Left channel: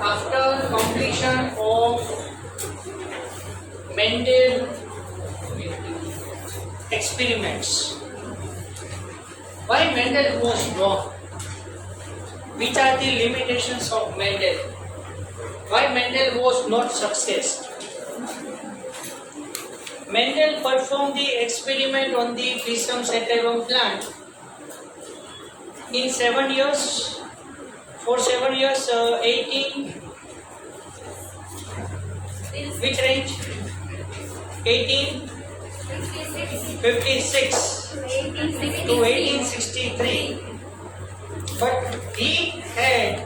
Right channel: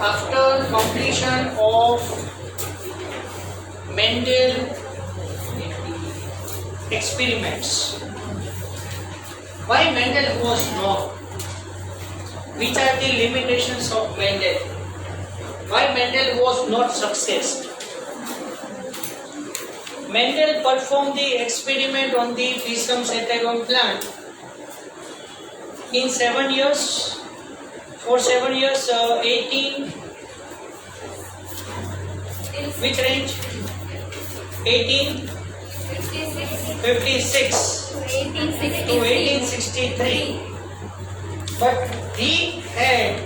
after completion of Mendel experiments, why Mendel was wrong? Which are the limitations of Mendel? Why Mendel was not success? Mendel performed the experiment on the Pisum sativum plant in 7 years. For 7 years, 18. Which range? 1856 to 1863. But he had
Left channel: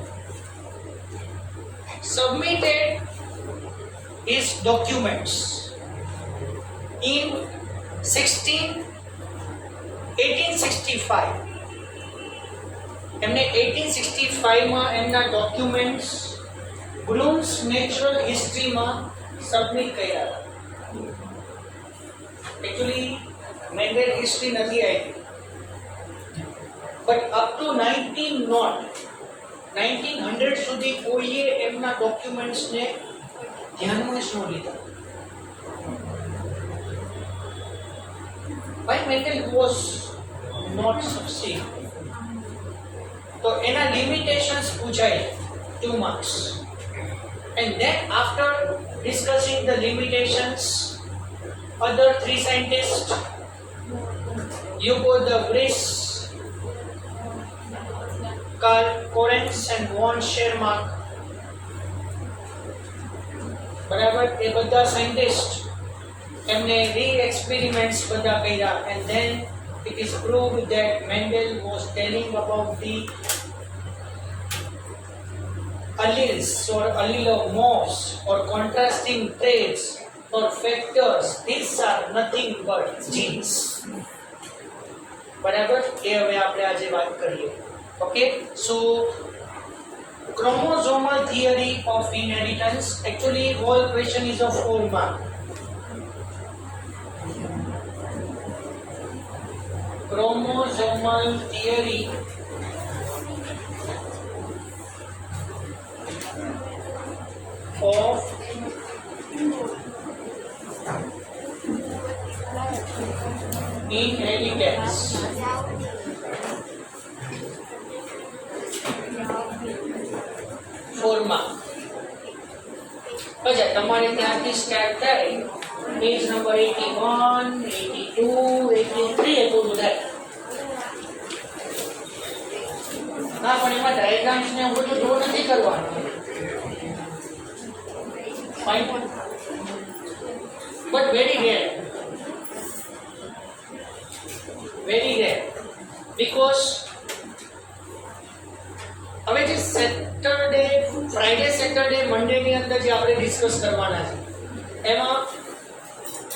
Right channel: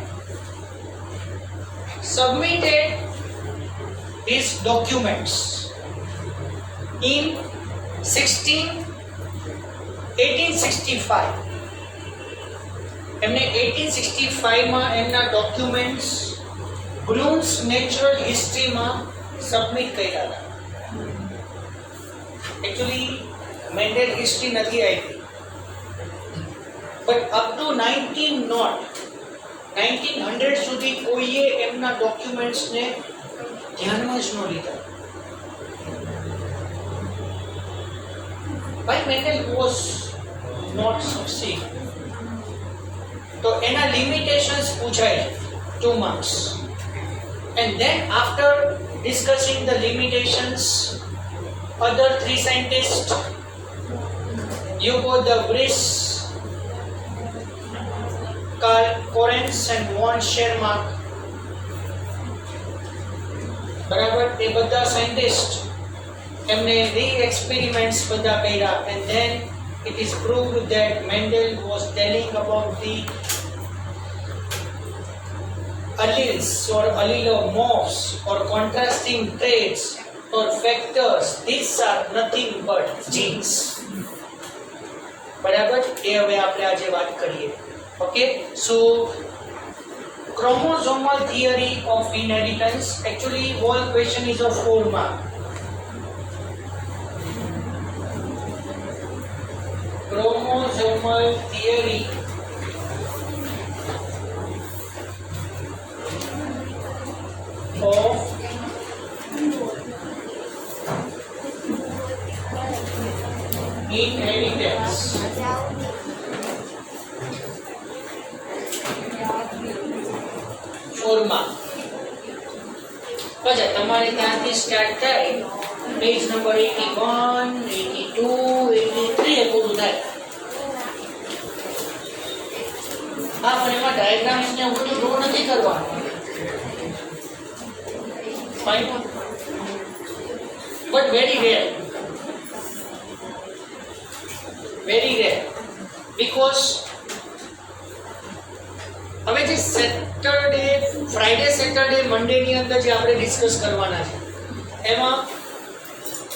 submitted his documents in 1865. એમને 1865 માં એમના documents blooms natural હિસ્ટ્રીમાં સબમિટ કર્યા હતા. Actually Mendel history નથી આવી, but up to 1900 સુધી કોઈએ એમના ડોક્યુમેન્ટ્સને ધ્યાનમાં જ ન લીધા. Why Mendel was not succeed? તો એના limitations પૂછાય 2 marks. And then after discussing the limitations, other 3 scientists, Hugo de Vries, Karl Correns and von Schermark, બરાબર, એ બધા સાયન્ટિસ્ટ એમને re-experiments બધા કર્યા, and then it is proved that Mendel was telling about the alleles or allelomorphs or contrasting traits or factors. These are nothing but genes. બરાબર, એ હવે આપણે આજે વાત કરીએ. ઓકે, સો chromosomal theory of inheritance. Actually whole question is of 4 mark. Chromosomal theory of inheritance. ફોર્મા અચ્છા, તમારે ત્યાંથી સ્ટાર્ટ થાય, પેજ નંબર 81, 82, 83 એ પૂરું થાય. હા, પણ એમાં ડાયાગ્રામ્સ ને એવું બધું ડ્રો નથી કરવાનું. Fine, but very rare, because હવે જે સેટરડે, ફ્રાઈડે, સેટરડે, મંડે ની અંદર જે આપણે ડિસ્કસ કરવાના છે એમાં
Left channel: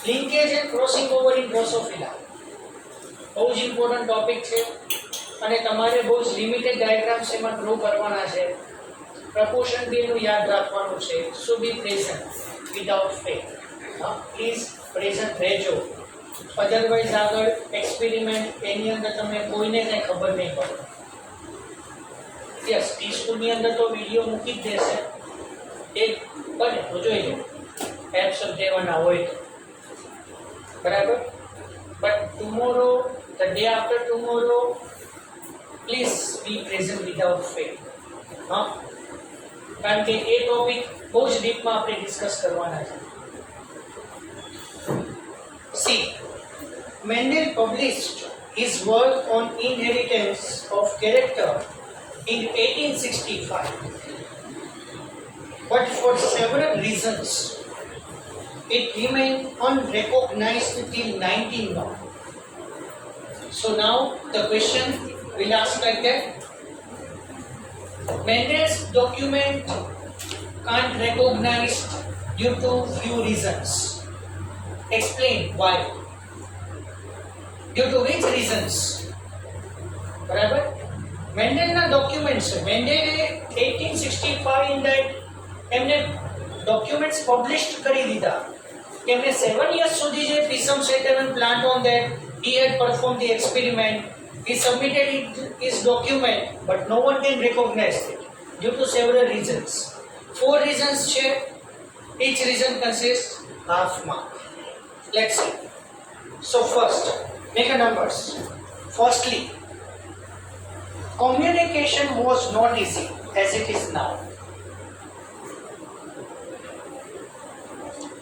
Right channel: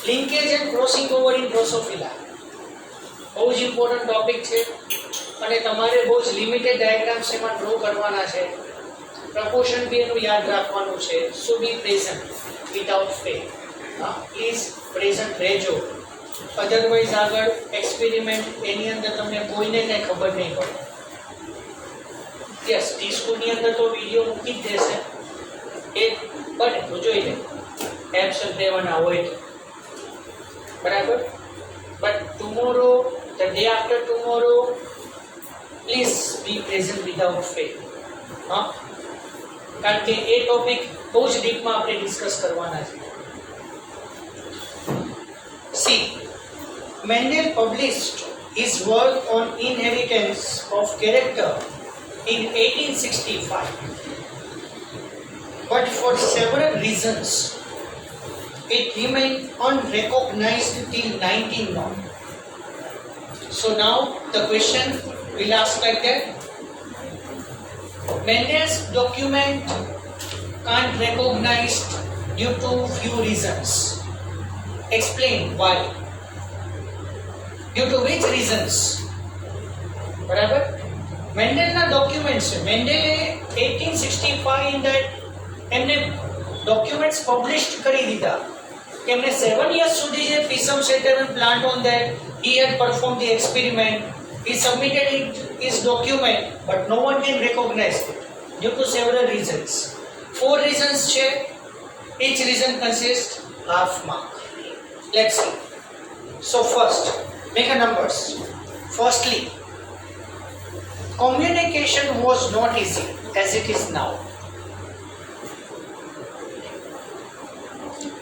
linkage and crossing over in Drosophila બહુ જ ઇમ્પોર્ટન્ટ ટોપિક છે, અને તમારે બહુ જ લિમિટેડ ડાયાગ્રામ્સ એમાં ડ્રો કરવાના છે. પ્રપોર્શન બી એનું યાદ રાખવાનું છે. સો બી પ્રેઝન્ટ વિધાઉટ ફેલ. હા, પ્લીઝ પ્રેઝન્ટ રહેજો, અધરવાઇઝ આગળ એક્સપેરિમેન્ટ એની અંદર તમને કોઈને કંઈ ખબર નહીં પડે. યસ, ટી સ્કૂલની અંદર તો વિડીયો મૂકી જ દેશે, એ બને તો જોઈ લે, એબ્સન્ટ દેવાના હોય તો, બરાબર. But tomorrow, the day after tomorrow, please be present without fail. હા, કારણ કે એ ટોપિક બહુ જ ડીપમાં આપણે ડિસ્કસ કરવાના છે. C, Mendel published his work on inheritance of character in 1865, but for several reasons it remained unrecognized till 1901. So now the question will ask like that: Mendel's document can't recognized due to few reasons. Explain why. Due to which reasons? બરાબર, મેન્ડેલના ડોક્યુમેન્ટ્સ છે. મેન્ડેલે 1865 in that એમને documents publish કરી દીધા કે એમને 7 years સુધી જે Pisum sativum plant on that he had performed the experiment. He submitted his document, but no one can recognize it due to several reasons. 4 reasons છે. Each reason consists half mark. Let's see. So first, make a numbers. Firstly, communication was not easy as it is now.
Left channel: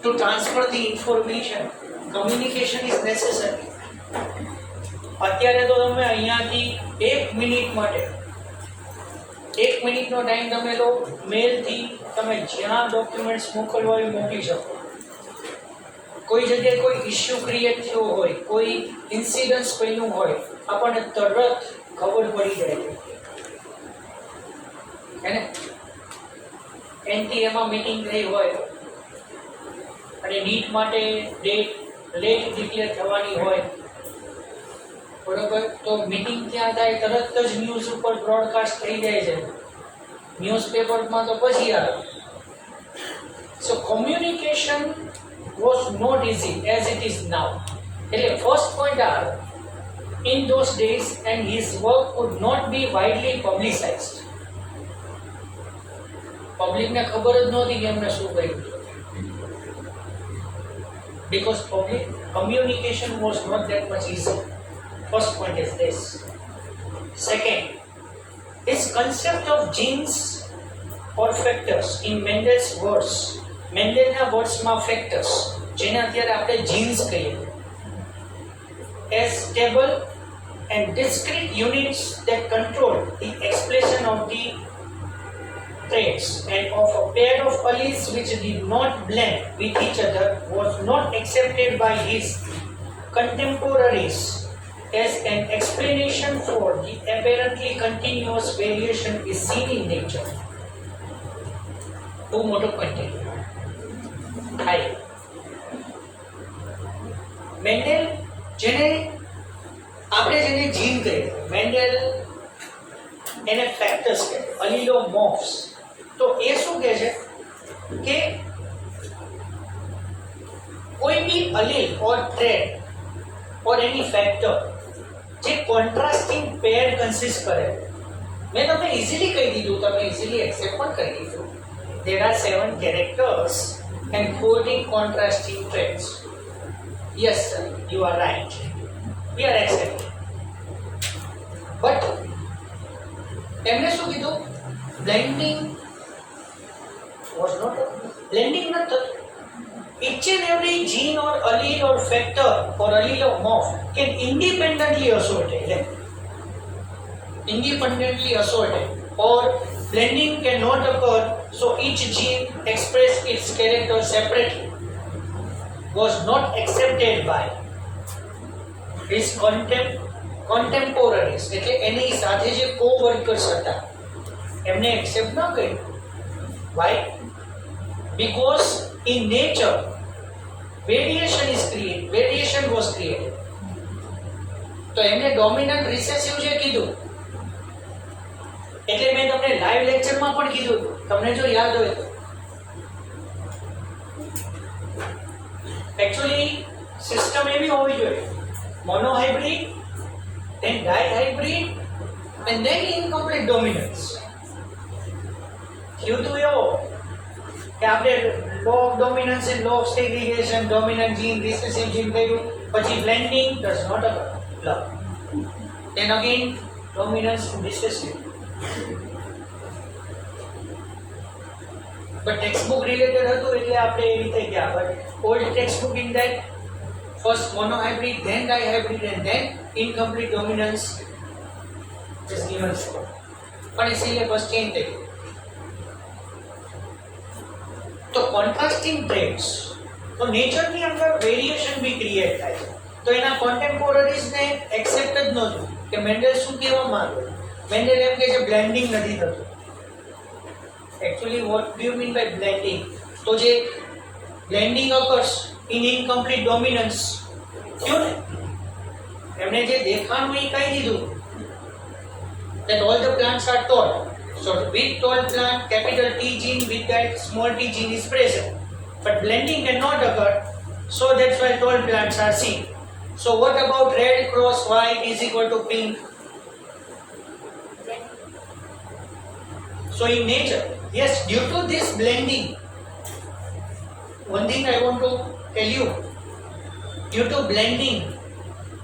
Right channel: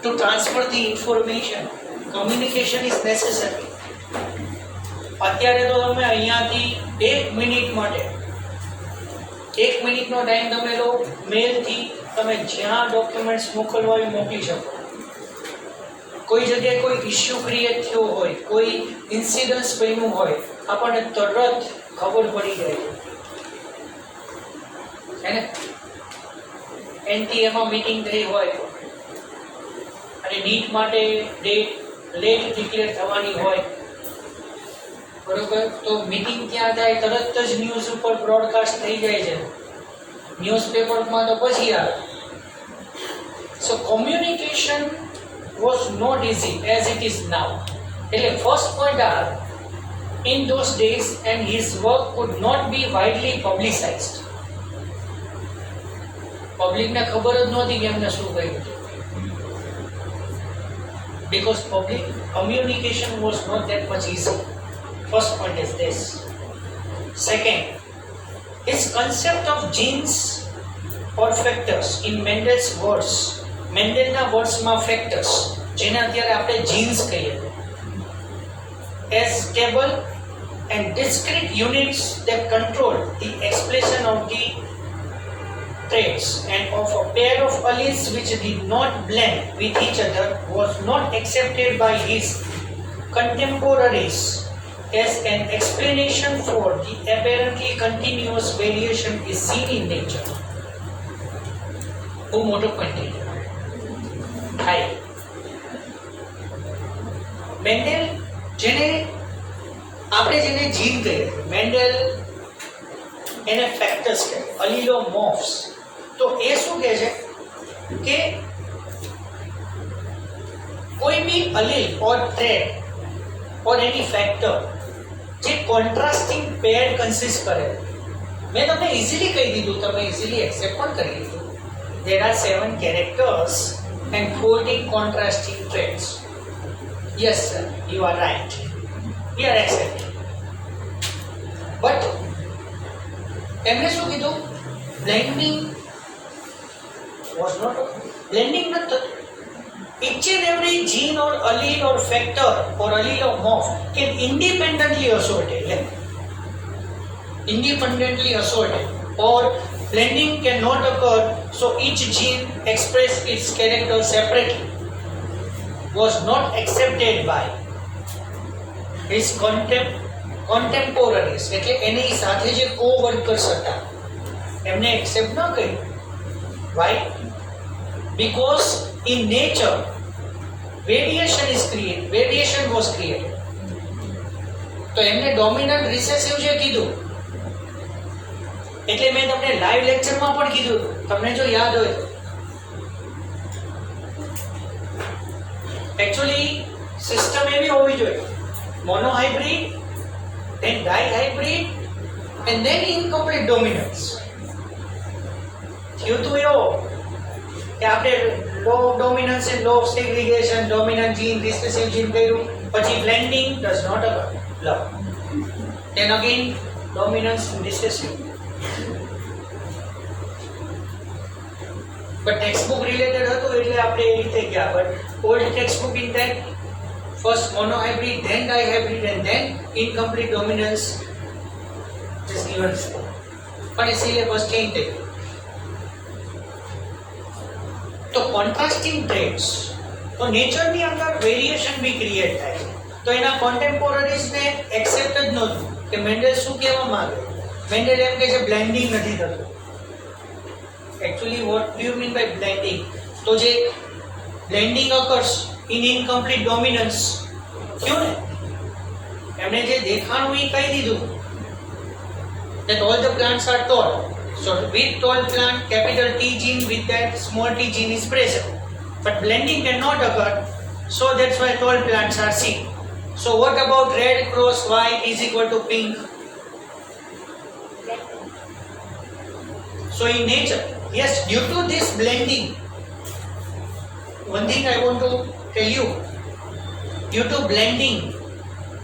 To transfer the information, communication is necessary. અત્યારે તો તમે અહીંયાથી 1 મિનિટ માટે 1 મિનિટનો ટાઈમ તમે લો, મેલથી તમે જ્યાં ડોક્યુમેન્ટ્સ મોકલવા હોય મોકલી શકો. કોઈ જગ્યાએ કોઈ ઇશ્યુ ક્રિએટ થયો હોય, કોઈ ઇન્સિડન્સ બન્યું હોય, આપણને તરત ખબર પડી જાય છે ને. એનટીએમાં મીટિંગ થઈ હોય અને નીટ માટે ડેટ લેટ ડિક્લેર થવાની હોય, બરોબર, તો મીટિંગ ક્યાં થાય તરત જ ન્યૂઝ ઉપર બ્રોડકાસ્ટ થઈ જાય છે, ન્યૂઝપેપરમાં તો પછી આવે. સો communication was not easy as it is now. એટલે first point are, in those days and his work could not be widely publicized. Public ને ખબર જ નહોતી કે એમને શું કહ્યું છે. Because public communication was not that much easy. First point is this. Second, his concept of genes or factors in Mendel's words, મેન્ડેલના વર્ડ્સમાં ફેક્ટર્સ, જેને અત્યારે આપણે જીન્સ કહીએ, as stable and discrete units that control the expression of the traits and of a pair of alleles which did not blend with each other was not accepted by his contemporaries as an explanation for the apparently continuous variation is seen in nature. બહુ મોટો પોઈન્ટ થાય. મેન્ડેલ જેને આપણે જેને જીન કહીએ, મેન્ડેલ એને ફેક્ટર્સ કહે, અલીલોમોર્ફ્સ. તો એ શું કહે છે કે કોઈ બી અલીલ ઓર ટ્રેટ ઓર એની ફેક્ટર જે કોન્ટ્રાસ્ટિંગ પેર કન્સિસ્ટ કરે. મેં તમને ઇઝીલી કહી દીધું, તમે ઇઝીલી એક્સેપ્ટ પણ કરી લીધું. There are 7 characters and 14 contrasting traits. Yes sir, you are right. We are accepting. But એમને શું કીધું? Blending was not blending not થતું. Each and every gene or allele or factor or allelomorph can independently assorted. Independently assorted, or blending cannot occur, so each gene express its character separately. Was not accepted by his contemporaries. એટલે એની સાથે જે co-workers હતા એમને accept ન કર્યું. Why? Because in nature variation was created. તો એમને dominant recessive જે કીધું, એટલે મેં તમને લાઈવ લેક્ચરમાં પણ કીધું હતું, તમને જો યાદ હોય તો. એકચ્યુઅલી સિસ્ટમ એવી હોવી જોઈએ, monohybrid, then dihybrid and then incomplete dominance. થયું તો એવો કે આપણે law of dominance and law of segregation, dominant gene recessive gene કર્યું, પછી blending does not allow, then again dominance and recessive. But textbook related હતું એટલે આપણે એ રીતે ગયા. But old textbook in that first monohybrid, then dihybrid and then incomplete dominance is given. પણ એ syllabus change થઈ ગયું. તો કોન્ટ્રાસ્ટિંગ ટ્રેટ્સ, તો નેચરની અંદર વેરિએશન બી ક્રિએટ થાય છે. તો એના કોન્ટેમ્પોરરીઝને એક્સેપ્ટ જ નહોતું કે મેન્ડેલ શું કહેવા માંગે. મેન્ડેલ એમ કહે છે બ્લેન્ડિંગ નથી થતું. Actually, what do you mean by blending? તો જે blending occurs in incomplete dominance થયું ને, એમણે જે દેખાણું એ કહી દીધું that all the plants are tall. So with tall plant, capital T gene with that small t gene is present. But blending cannot occur, so that's why tall plants are seen. So what about red cross white is equal to pink? So in nature, Yes, due to this blending, one thing I want to tell you, due to blending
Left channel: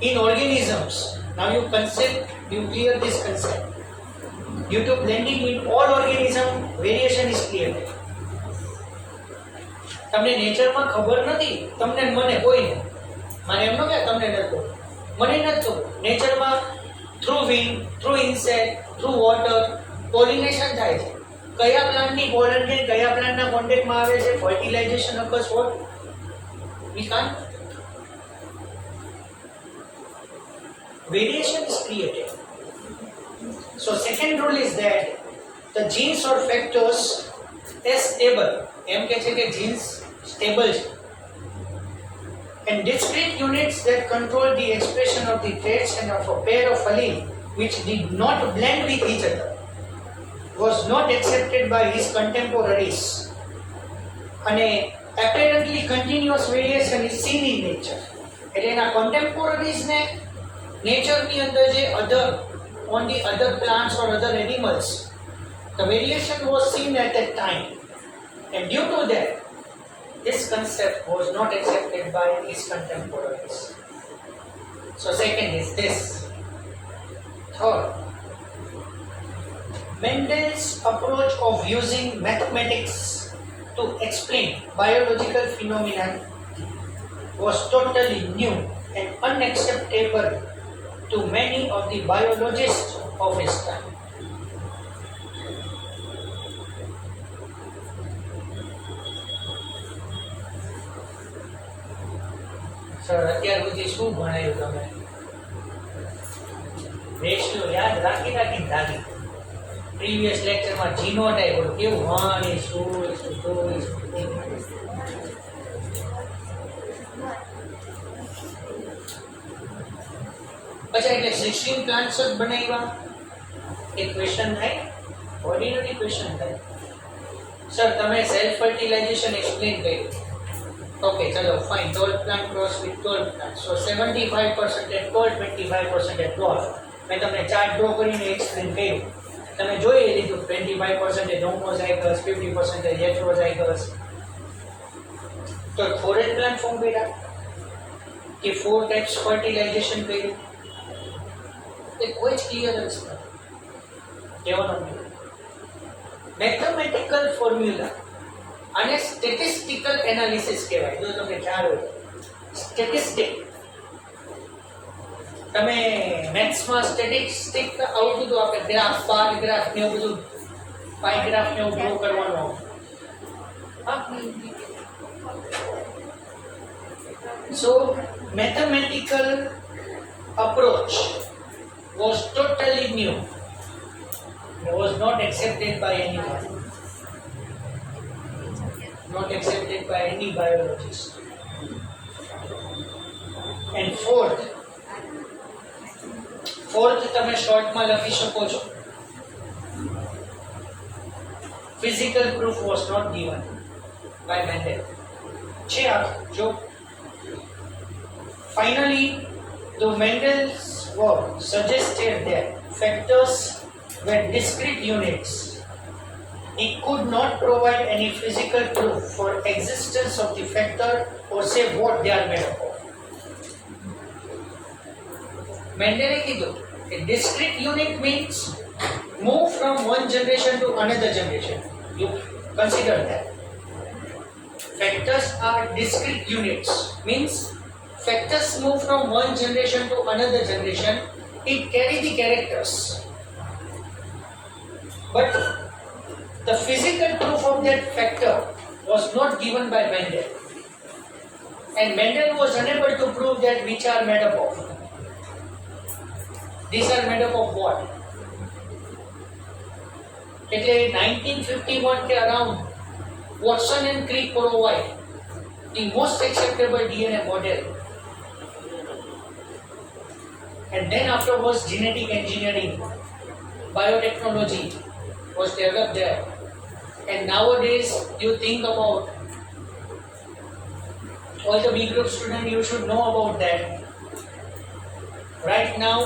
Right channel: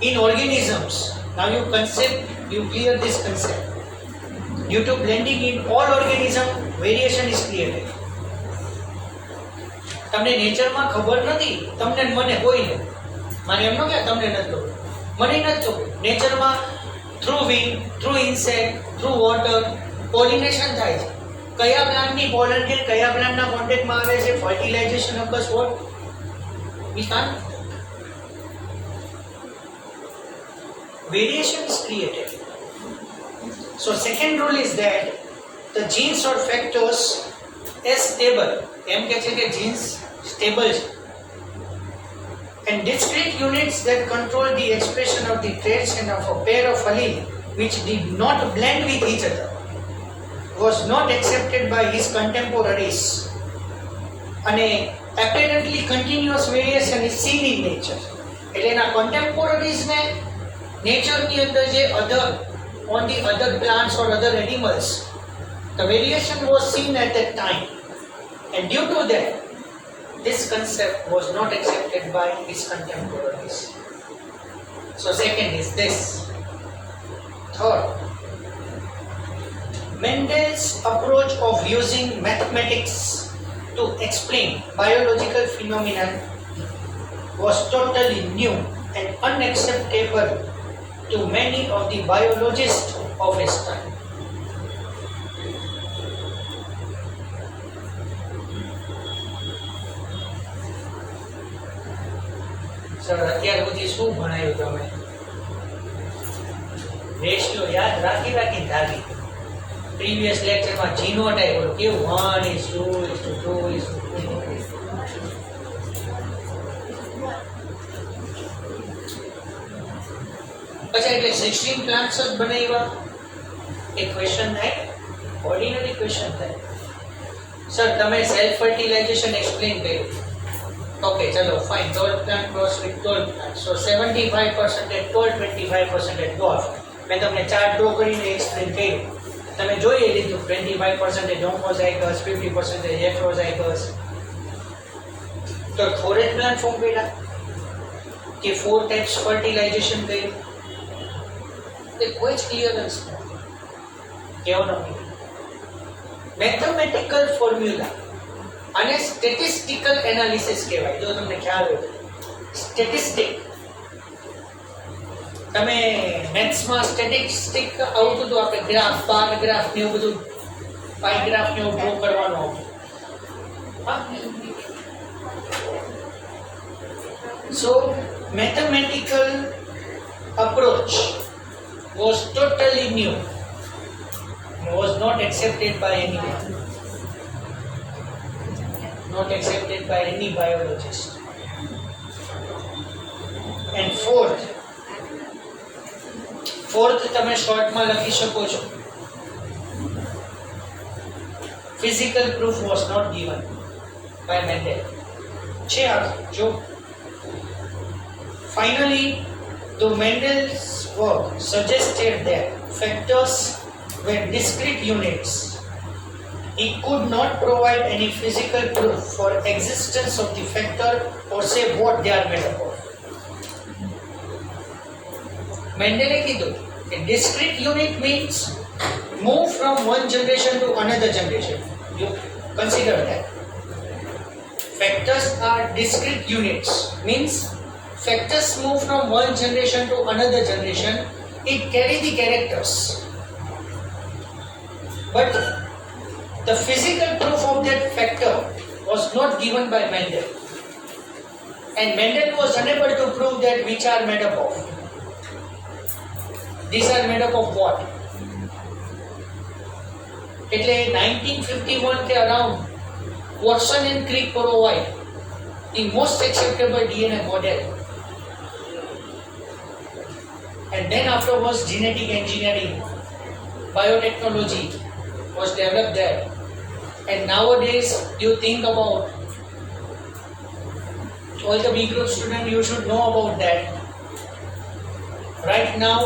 in organisms, now you clear this concept. Due to blending in all organism, variation is created. તમને નેચરમાં ખબર નથી, તમને ને મને કોઈને, મારે એમ ન કે તમને નથી ખબર, મને નથી ખબર. નેચરમાં through wind, through insect, through water pollination થાય છે. કયા પ્લાન્ટની પોલન કે કયા પ્લાન્ટના કોન્ટેક્ટમાં આવે છે, fertilisation occurs, what we can't. Variation is created. So second rule is that the genes or factors is stable. એમ કહે છે કે genes stable છે. And discrete units that control the expression of the traits and of a pair of allele which did not blend with each other was not accepted by his contemporaries. અને apparently continuous variation is seen in nature. એટલે એના contemporaries ને નેચરની અંદર જે on the other plants or other animals, the variation was seen at that time, and due to that this concept was not accepted by his contemporaries. So second is this. Third, Mendel's approach of using mathematics to explain biological phenomena was totally new and unacceptable to many of the biologists of his time. Sir અત્યાર સુધી શું ભણાયું તમે? રેશિયો યાદ રાખી ધાગી. પ્રીવિયસ લેક્ચરમાં જીનોટાઇપ બોલો કેવું 1:2:2:2. अच्छा એટલે 16 પ્લાન્ટ્સ જ બનાવ્યા? એક ક્વેશ્ચન થાય, ઓર્ડિનરી ક્વેશ્ચન થાય. સર તમે સેલ્ફ ફર્ટિલાઇઝેશન એક્સપ્લેન કર્યું. ઓકે ચલો ફાઇન, 12 પ્લાન્ટ ક્રોસ વિથ 12 પ્લાન્ટ. સો 75% 12, 25% 12. મેં તમને ચાર્ટ ડ્રો કરીને એક્સપ્લેન કર્યું. તમે જોઈ લીધું 25% હોમોઝાઇગસ, 50% હેટરોઝાઇગસ. તો 4 જ પ્લાન્ટ ફોર્મ કર્યા કે 4 ટાઈપ્સ ફર્ટિલાઇઝેશન કર્યું? એ કોઈ જ ક્લિયરન્સ નથી. કહેવાનો મેથમેટિકલ ફોર્મ્યુલા અને સ્ટેટિસ્ટિકલ એનાલિસિસ કહેવાય. જો તમને ખ્યાલ હોય, સ્ટેટિસ્ટિક તમે મેથ્સમાં સ્ટેટિસ્ટિક આવતું હતું, આપણે ગ્રાફ, બાર ગ્રાફ ને એવું બધું, પાઈ ગ્રાફ ને એવું ડ્રો કરવાનું આવતું. હા, સો mathematical approach was totally new and was not accepted by anyone, not accepted by any biologist. And fourth તમે શોર્ટમાં લખી શકો છો, physical proof was not given by Mendel. છે આ જો finally the Mendel's work suggested that factors were discrete units. He could not provide any physical proof for existence of the factor or say what they are made up of. Mendel kiddu a discrete unit means move from one generation to another generation. You consider that. Factors are discrete units, means factors move from one generation to another generation. It carry the characters, but the physical proof of that factor was not given by Mendel, and Mendel was unable to prove that which are made up of. These are made up of what? એટલે 1951 के around Watson and Crick provide the most acceptable DNA model, and then afterwards genetic engineering, biotechnology was developed there. And nowadays you think about all the B group students, you should know about that. Right now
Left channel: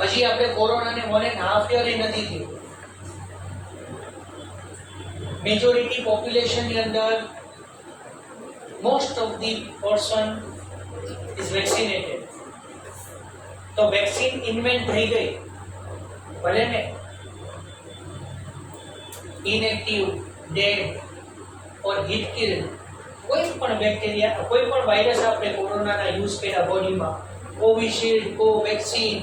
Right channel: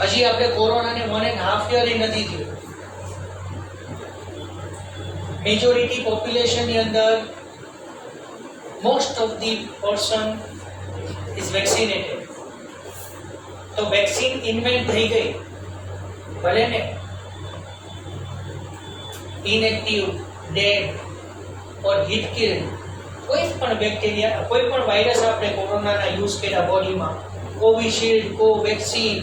હજી આપણે કોરોનાને 1.5 year નથી થયું. મેજોરિટી પોપ્યુલેશનની અંદર most of the person is vaccinated. તો vaccine invent થઈ ગઈ, ભલે ને ઇનએક્ટિવ, ડેડ ઓર હીટ કિલ કોઈ પણ બેક્ટેરિયા, કોઈ પણ વાયરસ આપણે કોરોનાના યુઝ કર્યા બોડીમાં, કોવિશિલ્ડ, કોવેક્સિન,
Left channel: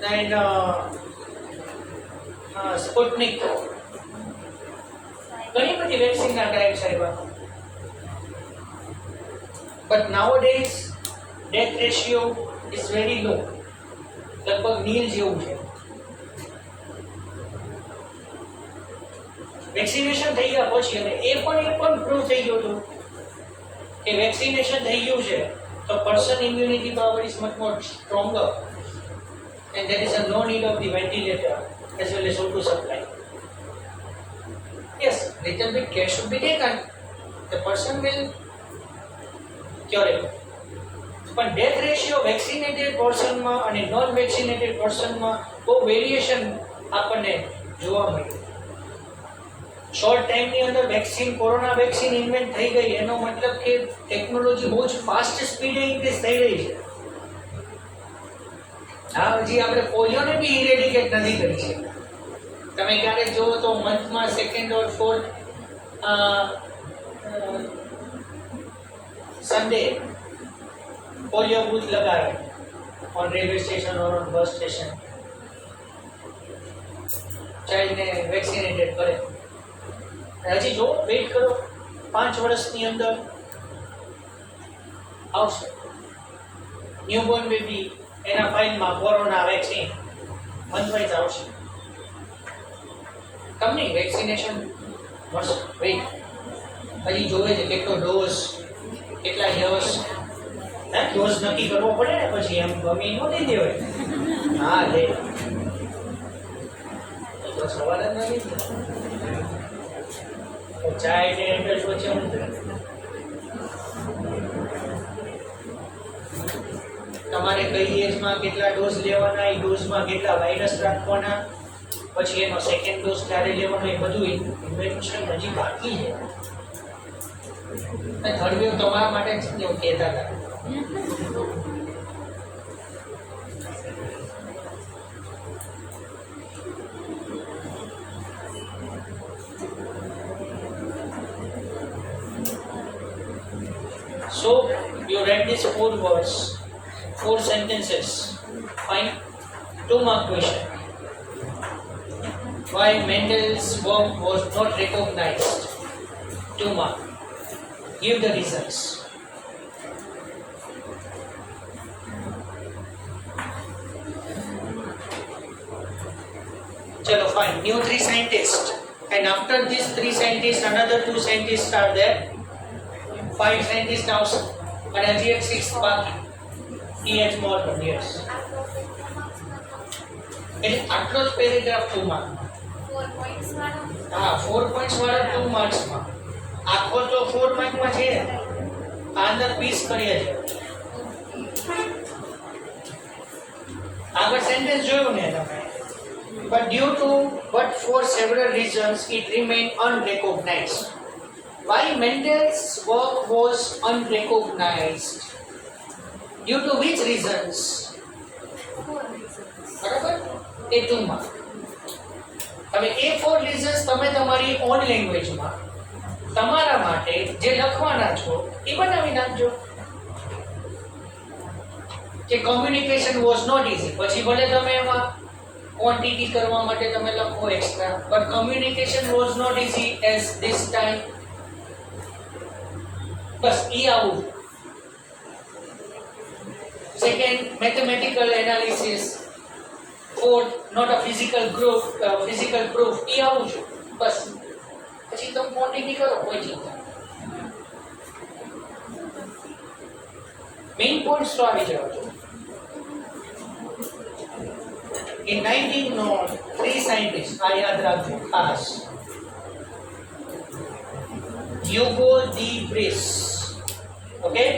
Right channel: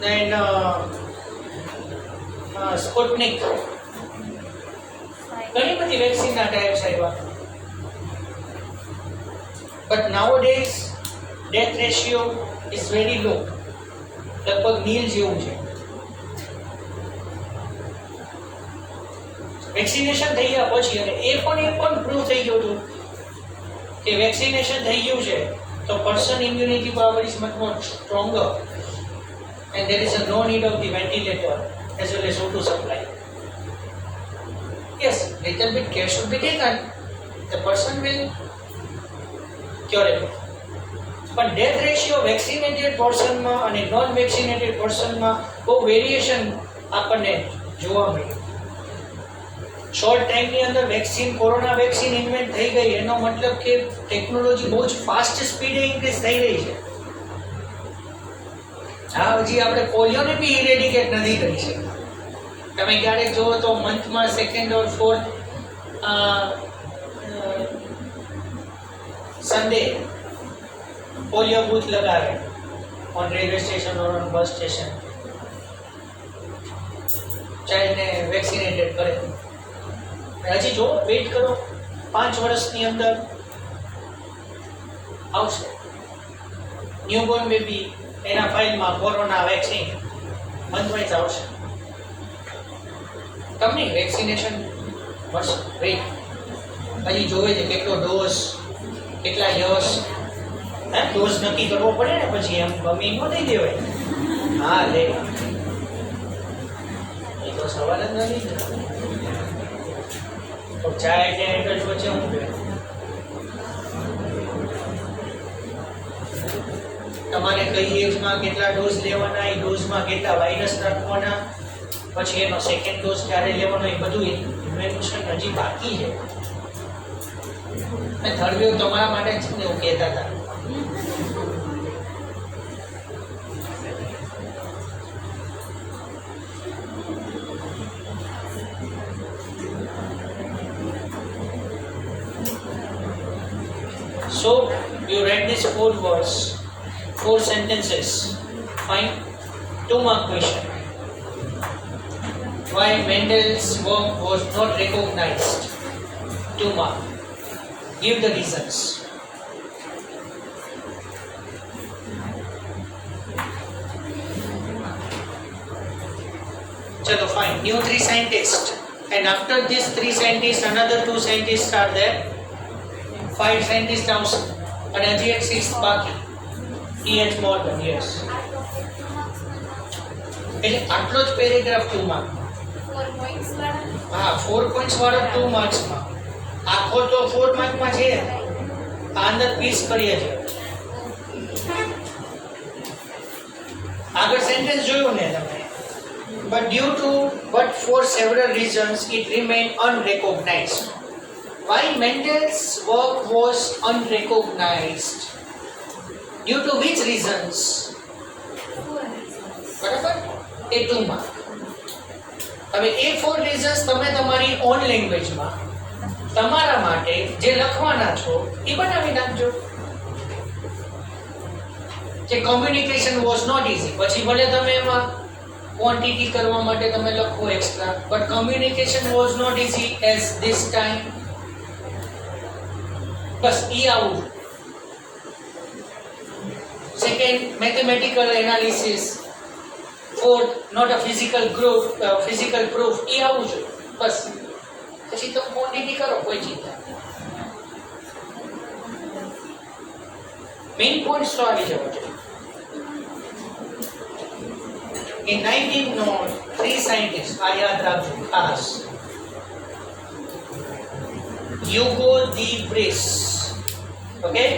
દેન સ્પુટનિક, ઘણી બધી વેક્સિનના ટાઈપ્સ આવ્યા. But nowadays death ratio is very low, લગભગ નીલ જેવું છે. વેક્સિનેશન થઈ ગયા પછી, અને એ પણ પ્રૂવ થઈ ગયું હતું કે વેક્સિનેશન થઈ ગયું છે તો person immunity power is much more stronger and there is no need of the ventilator as well as O2 supply. Yes, little bit care should be taken. The person will curable. પણ death ratio vaccinated પર્સનમાં અને non vaccinated પર્સનમાં બહુ વેરિએશન આપણને જોવા મળ્યું. શોર્ટ ટાઈમની અંદર વેક્સિન, કોરોના વેક્સિન ઇન્વેન્ટ થઈ ગઈ, એનો મતલબ કે ટેકનોલોજી બહુ જ ફાસ્ટ સ્પીડે ઇન્ક્રીઝ થઈ રહી છે. હા, હજી આપણે પોલિયોને બી ઇરેડિકેટ નથી કરી શકતા. તમે ક્યારેક જુઓ તો મંથમાં second or fourth Sunday polio booth લગાવે on railway station or on bus station, ચાઇલ્ડને વેક્સિનેટેડ કરે. હજી જો વેઇટ કરો, 5 વર્ષની અંદર આવશે ન્યૂબોર્ન બેબી, એના ફાઇલમાં કોરોના વેક્સિન મંથવાઇઝ આવશે. તમને વેક્સિનેશન મળશે. વેઇટ હજી જોવે છે કેટલો ડોઝ, કેટલા યસ, ડોઝ નક્કી કરવો પડે ને, પછી એમ ગમી ન દઈ દેવાય. હા લે, એ તો સવાલ જ નથી. તો ચાઇલ્ડ ને એડલ્ટ વચ્ચે હું તમારે કઈ એજમાં કેટલા ડોઝ લેવાના, એ ડોઝમાં કેટલા વાયરસ રાખવાના, પછી એનો સેકન્ડ ડોઝ ક્યારે લેવાનો, એ બધું ઇન્વેન્શન હજી બાકી છે. અને થર્ડ વેવ તમારા માટે જ એવું કહેતા હતા. So you read these 4 words, 4 sentences. Fine. 2 mark question. Why Mendel's work was not recognized? 2 mark. Give the reasons. Chalo, fine. New 3 scientists, and after these 3 scientists, another 2 scientists are there. 5 scientists આવશે અને હજી એક 6th બાકી. E.H. Morgan, yes. એટલે આટલો જ પેરેગ્રાફ 2 માર્ક. 4 points વાળા. હા, 4 પોઈન્ટ્સ વાળા 2 માર્ક્સમાં. આખો તો 4 માર્કમાં છે. આ અંદર પીસ કરીએ છીએ. આગળ સેન્ટેન્સ જોયું ને તમે. But due to but for several reasons it remained unrecognized. Why Mendel's work was unrecognized? Due to which reasons? 4 reasons. બરાબર? એ 2 માર્ક. હવે એ 4 reasons તમે તમારી ઓન લેંગ્વેજમાં તમારા માટે જે લખવાના છો એ બનાવી નાખજો. કે કમ્યુનિકેશન વોઝ નોટ ઇઝી, પછી ભલે તમે એમાં ક્વોન્ટિટી કરવા માટે તમે લખો extra, but communication was not easy as this time. બસ ઈ આવું. Second, mathematical analysis. Fourth, not a physical proof. ઈ આવું છું બસ. પછી તમે ક્વોન્ટિટી કરો, કોઈ ચિંતા. મેઇન પોઈન્ટ્સ તો આવી જવા જોઈએ. In 1909, 3 scientists, આ યાદ રાખજો ખાસ. Hugo de Vries, okay?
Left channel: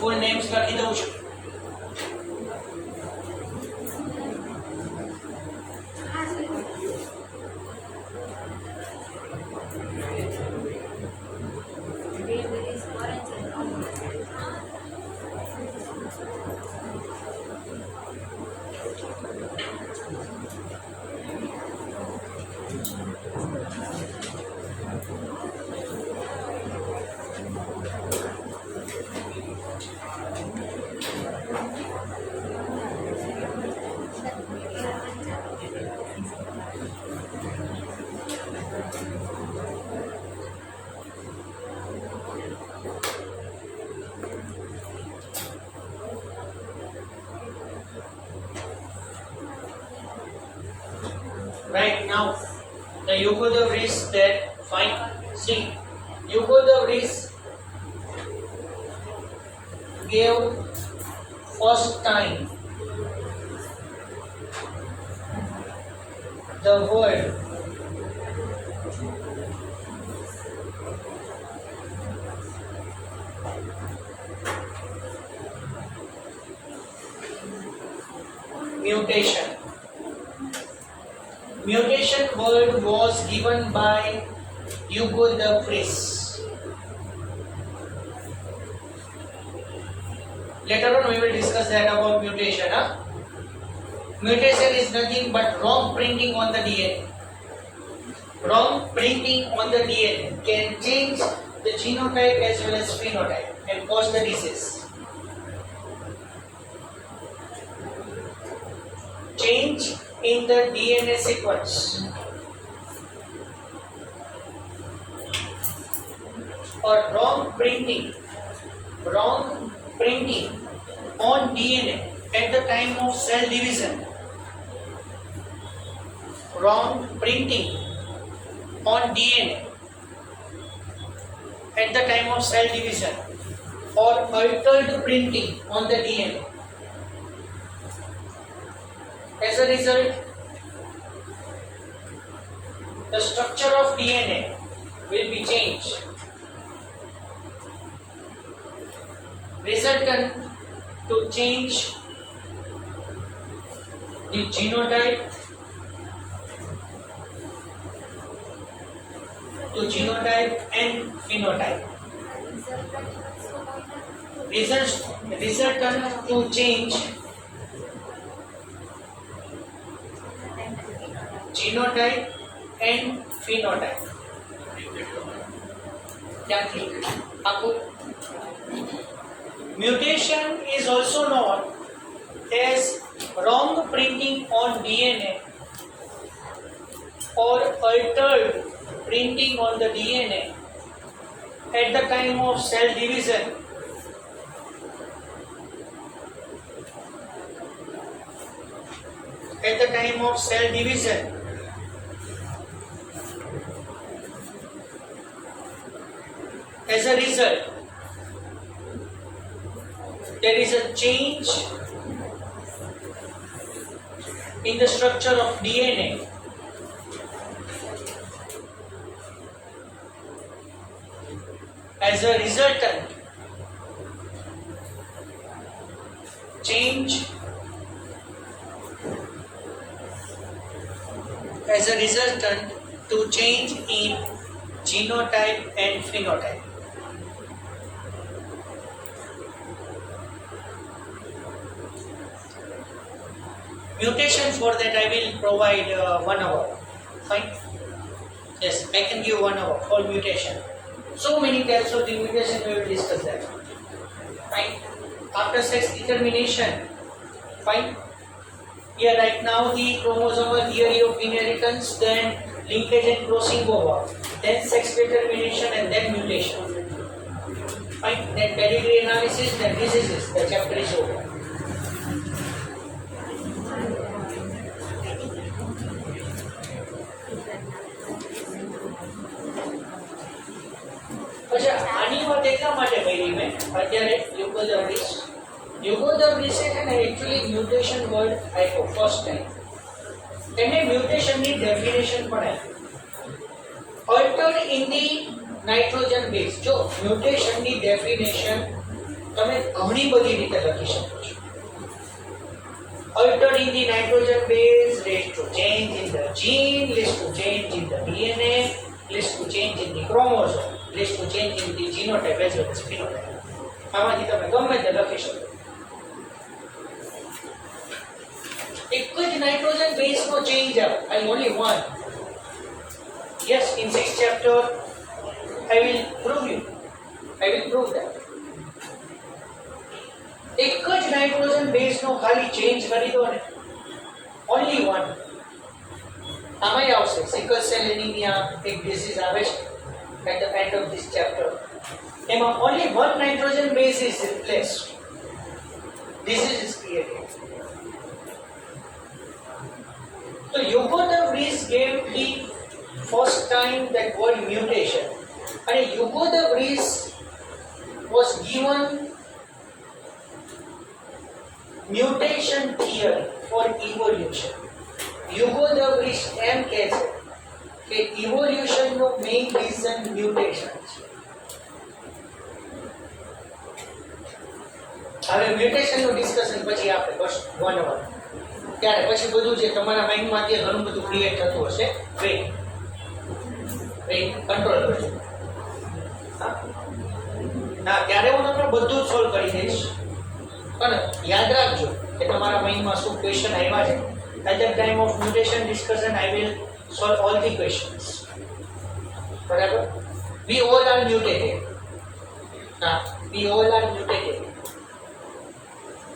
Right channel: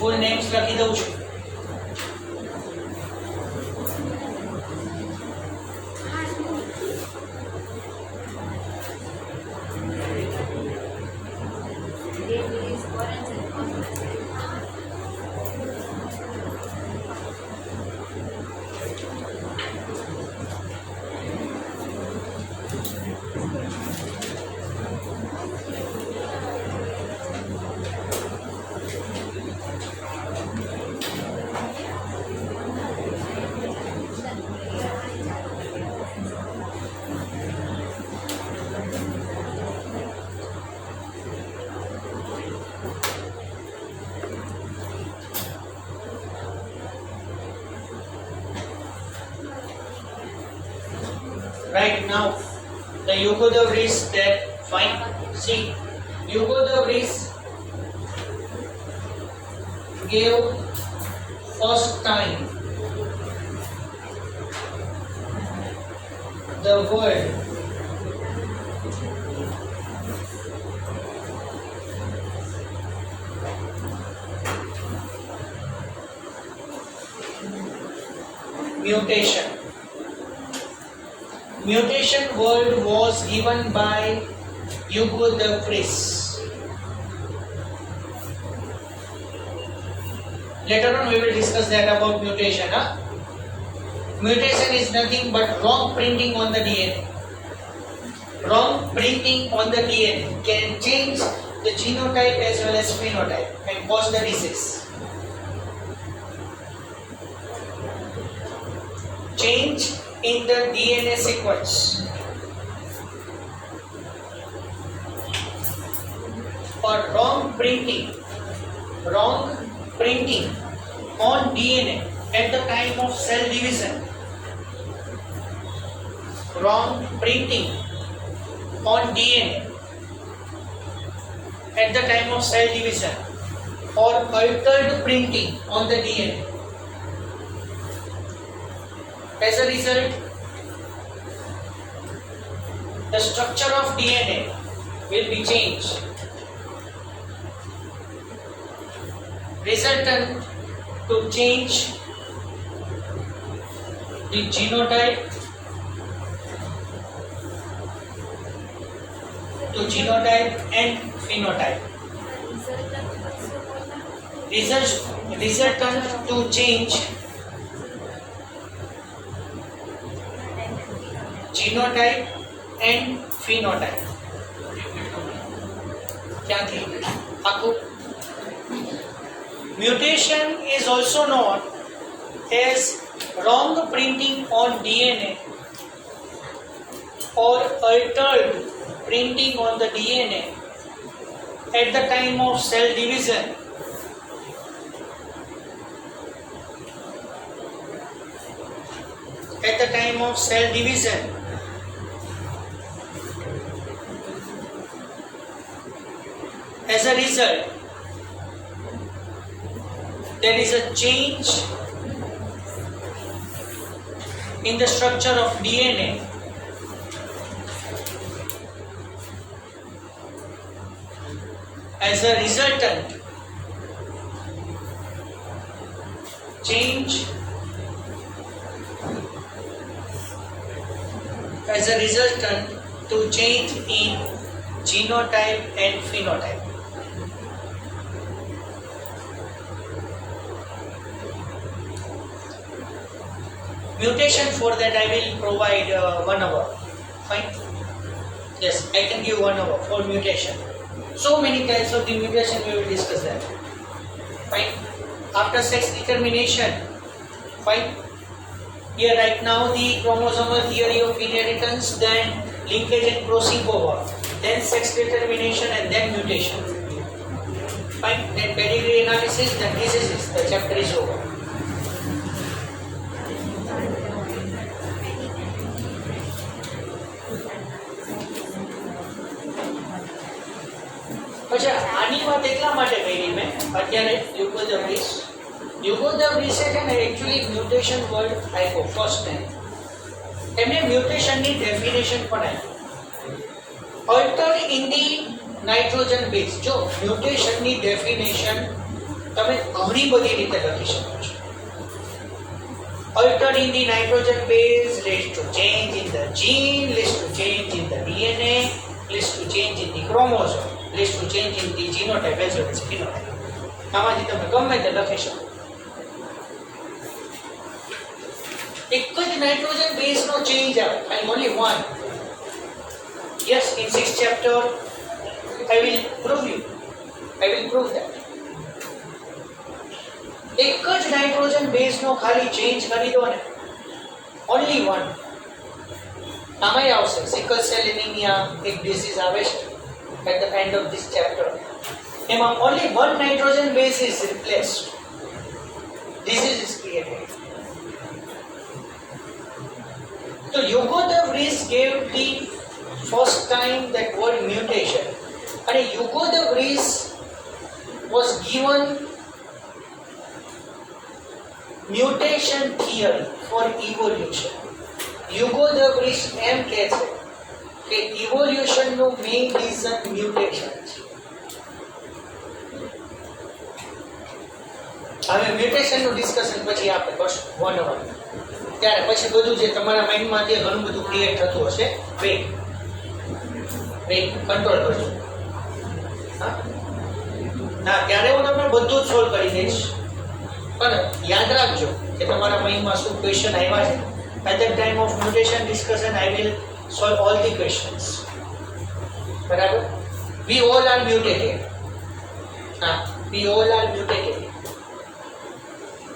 ફૂલ નેમ્સ લખી દઉં છું. Right now, the Hugo de Vries that fine. See, Hugo de Vries gave first time the word mutation. Mutation word was given by Hugo de Vries. Later on we will discuss that about mutation. Huh? Mutation is nothing but wrong printing on the DNA. Wrong printing on the DNA can change the genotype as well as phenotype and cause the disease. Change in the DNA sequence or wrong printing on DNA at the time of cell division. Wrong printing on DNA at the time of cell division or altered printing on the DNA. As a result, the structure of DNA will be changed, resultant to change the genotype and phenotype. Resultant to change genotype and phenotype. Mutation is also known as wrong printing on DNA or altered printing on the DNA at the time of cell division. At the time of cell division, as a result, there is a change in the structure of DNA as a resultant change to change in genotype and phenotype. Mutation, for that I will provide 1 hour. Fine? Yes, I can give 1 hour for mutation. So many types of the mutation, we will discuss that. Fine? After sex determination, fine? Here right now the chromosomal theory of inheritance, then linkage and crossing over, then sex determination and then mutation. Fine? Then pedigree analysis, then diseases, the chapter is over. अच्छा आनी बात એટલા માટે કરી મેં અત્યારે Hugo de Vries છે ને एक्चुअली म्यूटेशन વર્ડ આપ્યો ફર્સ્ટ ટાઈમ એમને મ્યુટેશન ની ડેફિનેશન પણ આપી altered in the nitrogen base જો મ્યુટેશન ની ડેફિનેશન તમે ઘણી બધી રીતે લખી શકો છો altered in the nitrogen base leads to change in the gene, leads to change in the DNA, leads to change in the chromosome, leads to change in the genotype as well as phenotype. આમાંથી તમે ગમે તે લખી શકો એક જ nitrogen base નો ચેન્જ આવે I only one. Yes, in 6th chapter I will prove that એક જ નાઇટ્રોજન બેઝ નો ખાલી ચેન્જ કરી દો ને only one. આમાંય આવશે સિકલ સેલ એનિમિયા એક ડિસીઝ આવે છે at the end of this chapter. Only one nitrogen base is replaced. Disease is created. તો Hugo de Vries gave the first time that word mutation. અને Hugo de Vries was given mutation theory for evolution. Hugo de Vries એમ કહે છે કે evolution નું main reason mutation છે. હવે મ્યુટેશન નું ડિસ્કશન પછી આપણે કરશું 1 hour. ત્યારે પછી બધું જે તમારા માઇન્ડમાં જે ઘણું બધું ક્રિએટ થતું હશે વેઇટ કંટ્રોલ કરજો. હા ત્યારે હું તમને બધું જ સોલ્વ કરી દઈશ, પણ યાદ રાખજો કે તમારા માઇન્ડમાં શું ક્વેશ્ચન આવ્યા છે. At the time of mutation discussion I will solve all the questions. બરાબર? We all are mutated. હા, વી ઓલ આર મ્યુટેટેડ.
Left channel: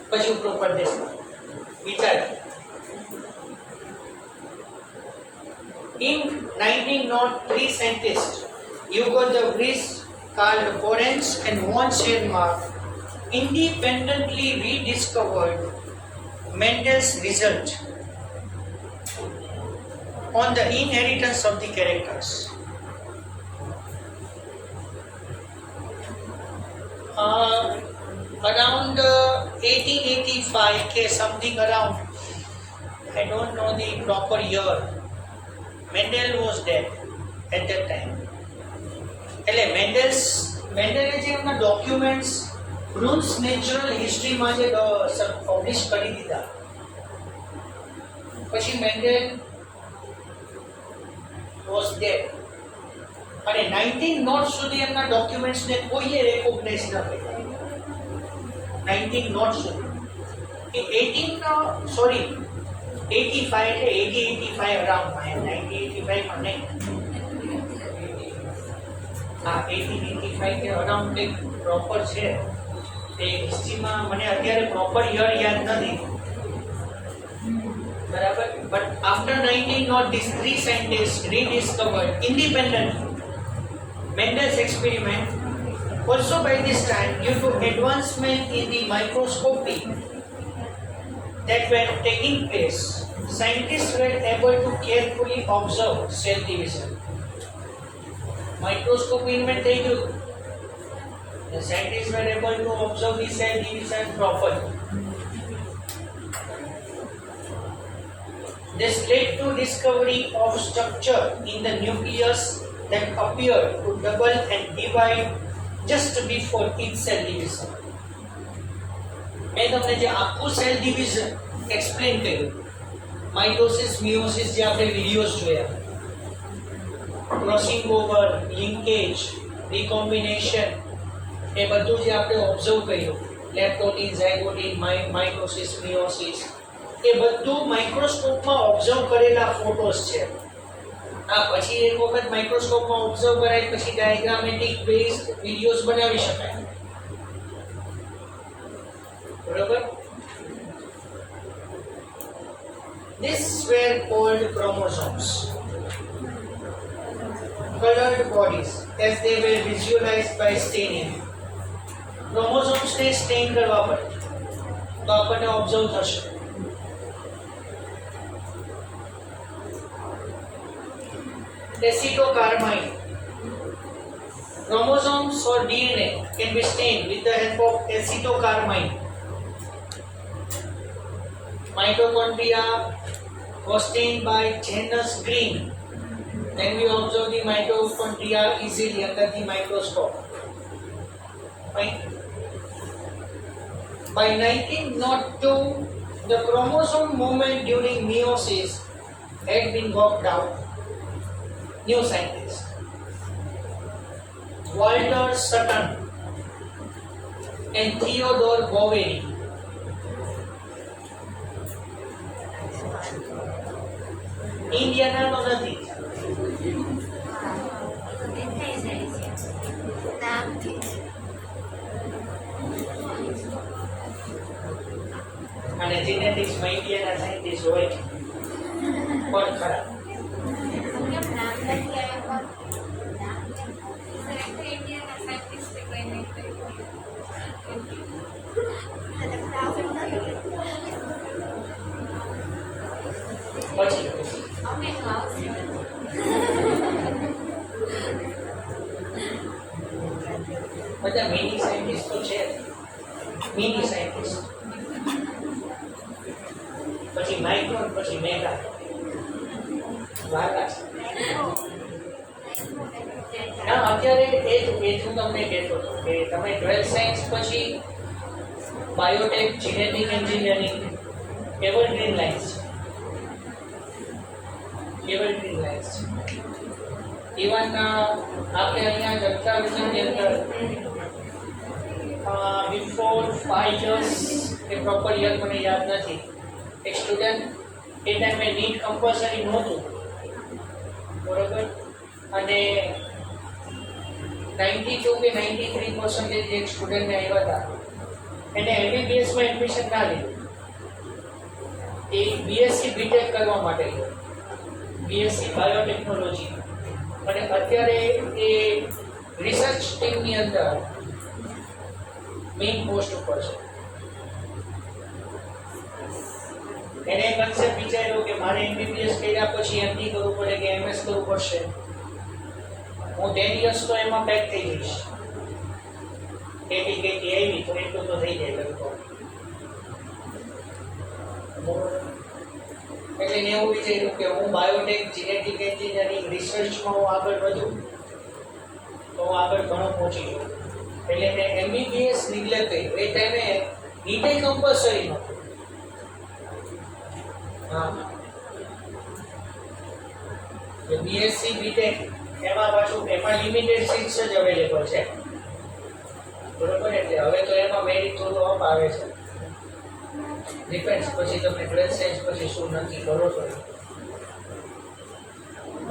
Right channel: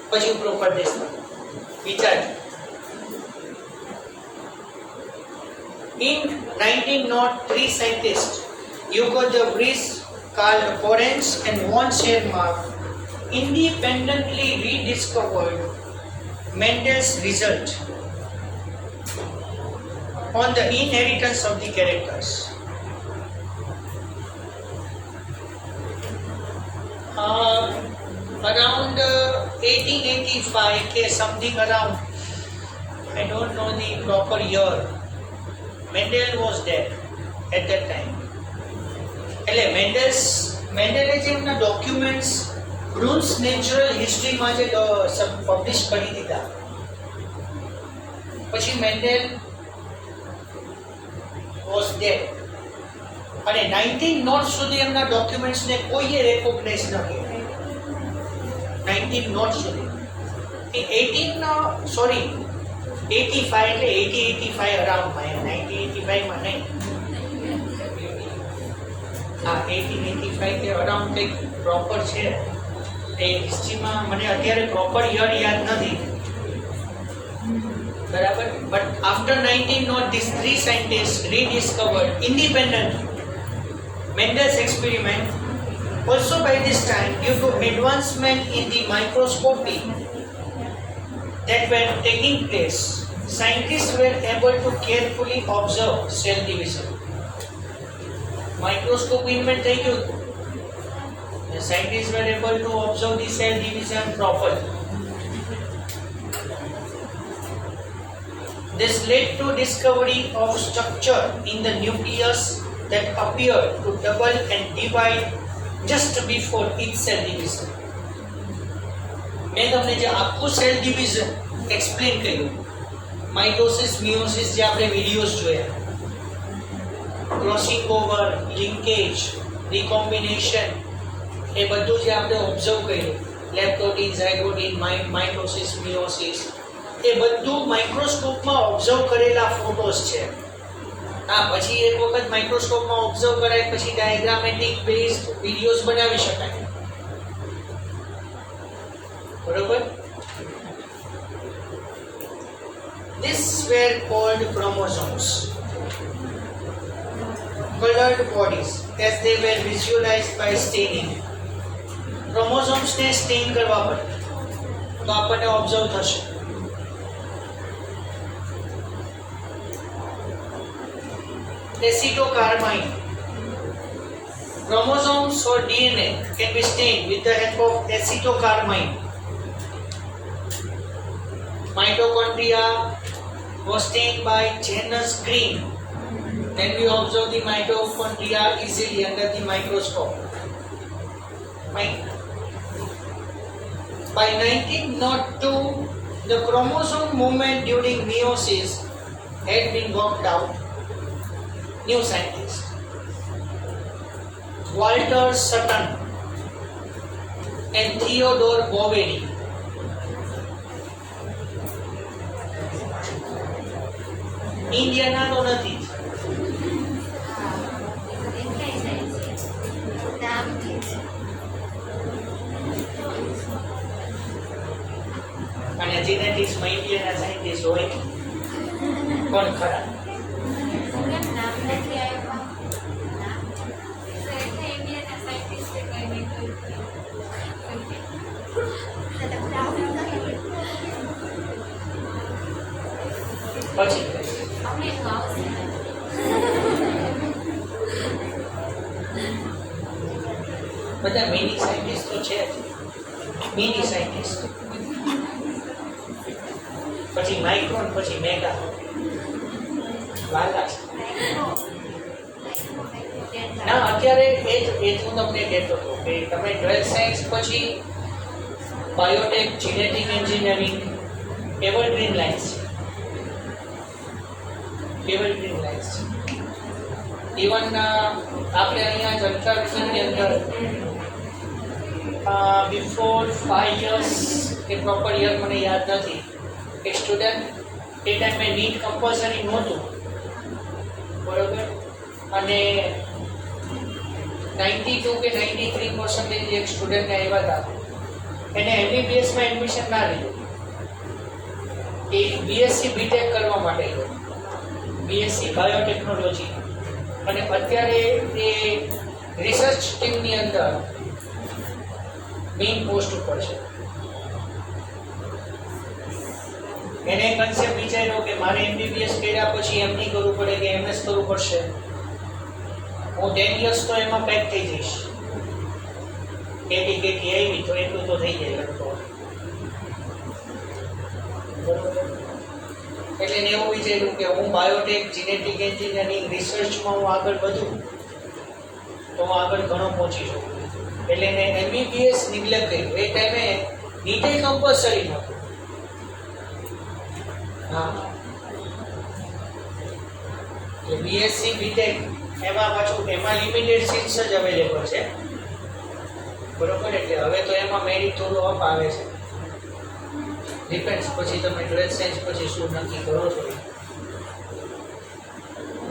પછી ઉપર ઉપર દેશમાં વિચાર. In 1903, scientists Hugo de Vries, Karl Lorenz and von Schirmacher independently rediscovered Mendel's result on the inheritance of the characters. Around 1885 ke something around, I don't know the proper year, Mendel was dead at that time. એટલે મેન્ડેલે જે એમના ડોક્યુમેન્ટ્સ બ્રુન્સ નેચરલ હિસ્ટ્રીમાં જે પબ્લિશ કરી દીધા, પછી Mendel was dead અને 19 સુધી એમના ડોક્યુમેન્ટ્સને કોઈએ રેકોગ્નાઇઝ ન કર્યા. 19 સુધી 85 એટલે 85 અરાઉન્ડમાં, 1985 માં નહીં. હા, 1885 કે અરાઉન્ડ કંઈક પ્રોપર છે એ હિસ્ટ્રીમાં, મને અત્યારે પ્રોપર યર યાદ નથી. બરાબર? But after 19 these three scientists rediscovered independently Mendel's experiment. Also by this time, due to advancement in the microscopy that were taking place, scientists were able to carefully observe cell division. Microscope invent થઈ ગયું. The scientists were able to observe the cell division properly. This led to discovery of structure in the nucleus that appeared to double and divide just before each cell division. મેં તમને જે આખું cell division explain કર્યું, mitosis, miosis, જે આપણે વિડીયોઝ જોયા, crossing over, linkage, રિકોમ્બિનેશન, એ બધું જે આપણે ઓબ્ઝર્વ કર્યું, લેપ્ટોટીન, ઝાયગોટીન, માઇટોસિસ, મિયોસિસ, એ બધું માઇક્રોસ્કોપમાં ઓબ્ઝર્વ કરેલા ફોટોસ છે. હા, પછી એક વખત માઇક્રોસ્કોપમાં ઓબ્ઝર્વ કરાય પછી ડાયાગ્રામેટિક બેઝડ વિડીયોઝ બનાવી શકાય. બરોબર? These were called chromosomes, colored bodies, as they were visualized by staining. Chromosomes ને સ્ટેન કરવા પડે તો આપણને ઓબ્ઝર્વ થશે. Acetocarmine. Chromosomes or DNA can be stained with the help of acetocarmine. Mitochondria was stained by Janus green. Then we observe the mitochondria easily under the microscope. Fine. By 1902, the chromosome movement during meiosis had been worked out. New scientists Walter Sutton and Theodore Boveri ઇન્ડિયાના તો નથી. અને જેનેટિક્સમાં ઇન્ડિયાના સાયન્ટિસ્ટ હોય પણ ખરા. પછી અમે આવશે બધા મિની સાયન્ટિસ્ટ તો છે જ. મિની સાયન્ટિસ્ટ, પછી માઇક્રોન, પછી મેગા. વાલા છે. ના અત્યારે એ જ હું તમને કહેતો હતો કે તમે 12th સાયન્સ પછી Biotech, genetic engineering, evergreen lines છે. એવરગ્રીન લાઇન્સ છે. ઇવન આપણે અહીંયા જનતા વિજ્ઞાનની અંદર બિફોર 5 years કે પ્રોપર યર મને યાદ નથી, એક સ્ટુડન્ટ એ ટાઈમે નીટ કમ્પલસરી નહોતું, બરોબર, અને 92 કે 93% એક સ્ટુડન્ટને આવ્યા હતા, એને એમબીબીએસમાં એડમિશન ના લીધું, એ બીએસસી બીટેક કરવા માટે ગયો, બીએસસી બાયોટેકનોલોજી, અને અત્યારે એ રિસર્ચ ટીમની અંદર મેઇન પોસ્ટ ઉપર છે. એને કન્સેપ્ટ વિચાર્યો કે મારે એમબીબીએસ કર્યા પછી એમડી કરવું પડે કે એમએસ કરવું પડશે, હું 10 years તો એમાં પેક થઈ જઈશ, કેટી આવી તો એટલું તો થઈ જાય લગતો. એટલે એને એવું વિચાર્યું કે હું બાયોટેક, જીનેટિક એન્જિનિયરિંગ, રિસર્ચમાં હું આગળ વધું તો હું આગળ ઘણો પહોંચી શકું. એટલે એને એમબીબીએસ નિગ્લેક્ટ કર્યું. એ ટાઈમે નીટે કમ્પલસરી નહોતું. હા, એટલે બીએસસી બીટેક એમાં પાછું એમાં લિમિટેડ સીટ્સ જ અવેલેબલ છે, બરોબર. એટલે હવે તો એમાં મેરિટ થોડું અપ આવે છે. ડિપેન્ડ્સ પછી તમે 12th સાયન્સ પછી શું નક્કી કરો છો,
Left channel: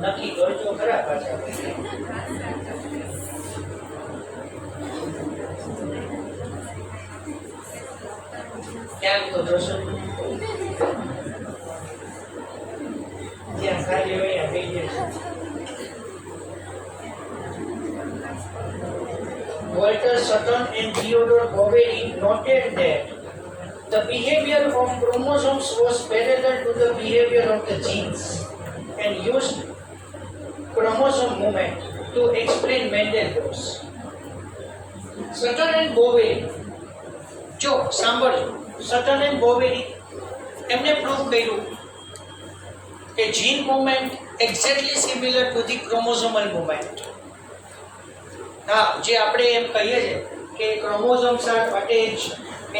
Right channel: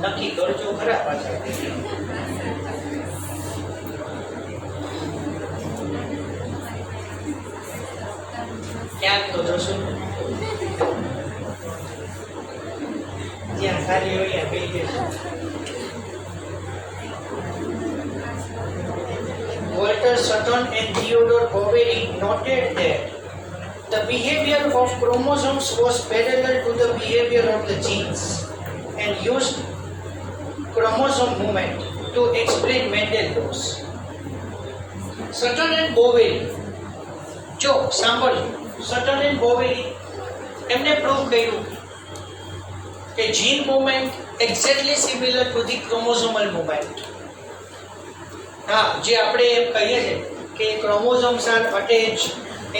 નક્કી કરજો ખરા પાછા. ક્યાંક તો જશો, જ્યાં ખાલી હોય ત્યાં બેસી જશો. Walter Sutton and Theodore Boveri noted that the behavior of chromosomes was parallel to the behavior of the genes and used chromosome movement to explain Mendel laws. Sutton and Boveri, જો સાંભળજો, Sutton and Boveri એમને પ્રૂવ કર્યું કે gene movement exactly similar to the chromosomal movement. હા, જે આપણે એમ કહીએ છીએ કે chromosomes are attached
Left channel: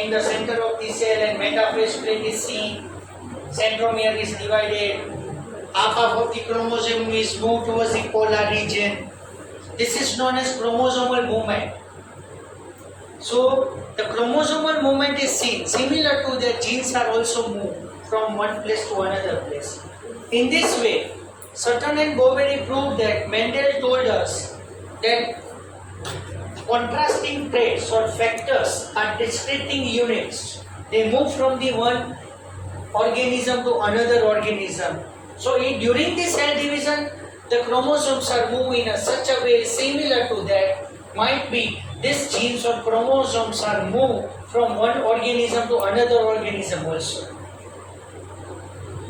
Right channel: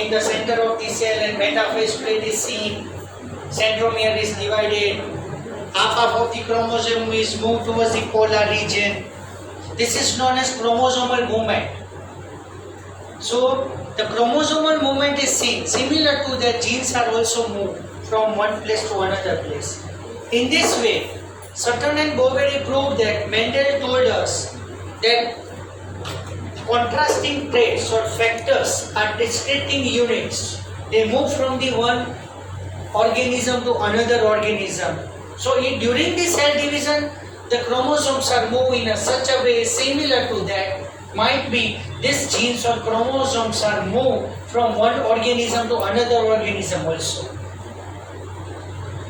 in the center of the cell and metaphase plate is seen, centromere is divided, half of the chromosome is moved towards the polar region. This is known as chromosomal movement. So the chromosomal movement is seen. Similar to that, genes are also moved from one place to another place. In this way, Sutton and Boveri proved that Mendel told us that contrasting traits or factors are discrete units. They move from the one organism to another organism. So during the cell division, the chromosomes are moved in such a way similar to that. Might be these genes or chromosomes are moved from one organism to another organism also.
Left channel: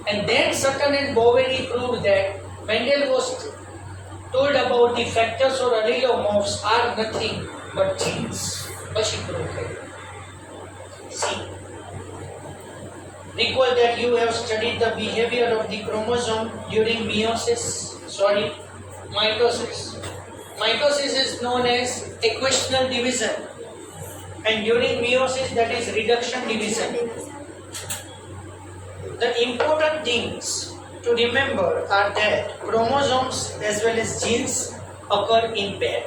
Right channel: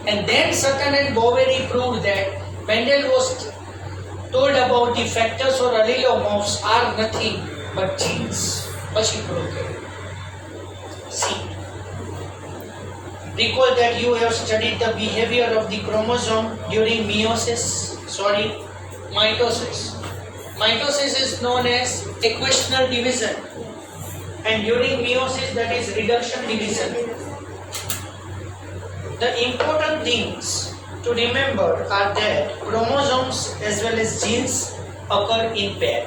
And then Sutton and Boveri proved that Mendel was told about the factors or allelomorphs are nothing but genes. પછી prove કર્યું. See, recall that you have studied the behavior of the chromosome during mitosis. Mitosis is known as equational division, and during meiosis, that is reduction division. The important things to remember are that chromosomes as well as genes occur in pair.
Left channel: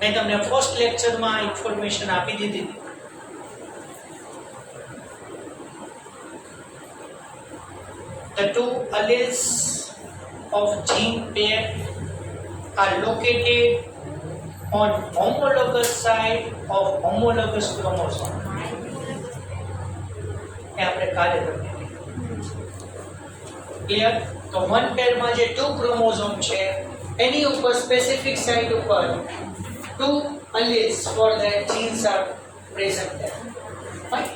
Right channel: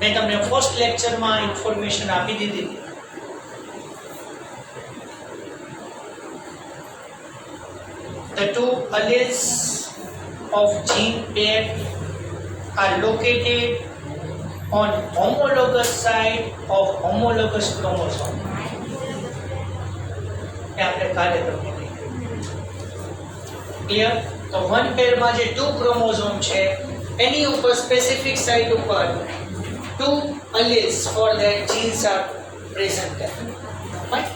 મેં તમને ફર્સ્ટ લેક્ચરમાં ઇન્ફોર્મેશન આપી દીધી હતી. The two alleles of gene pair are located on homologous side of homologous chromosome. એ આપણે કાલે તમને ક્લિયર. તો વન પેરમાં જે ટુ ક્રોમોઝોમ છે એની ઉપર સ્પેસિફિક સાઇટ ઉપર two alleles for their genes are present there. Fine.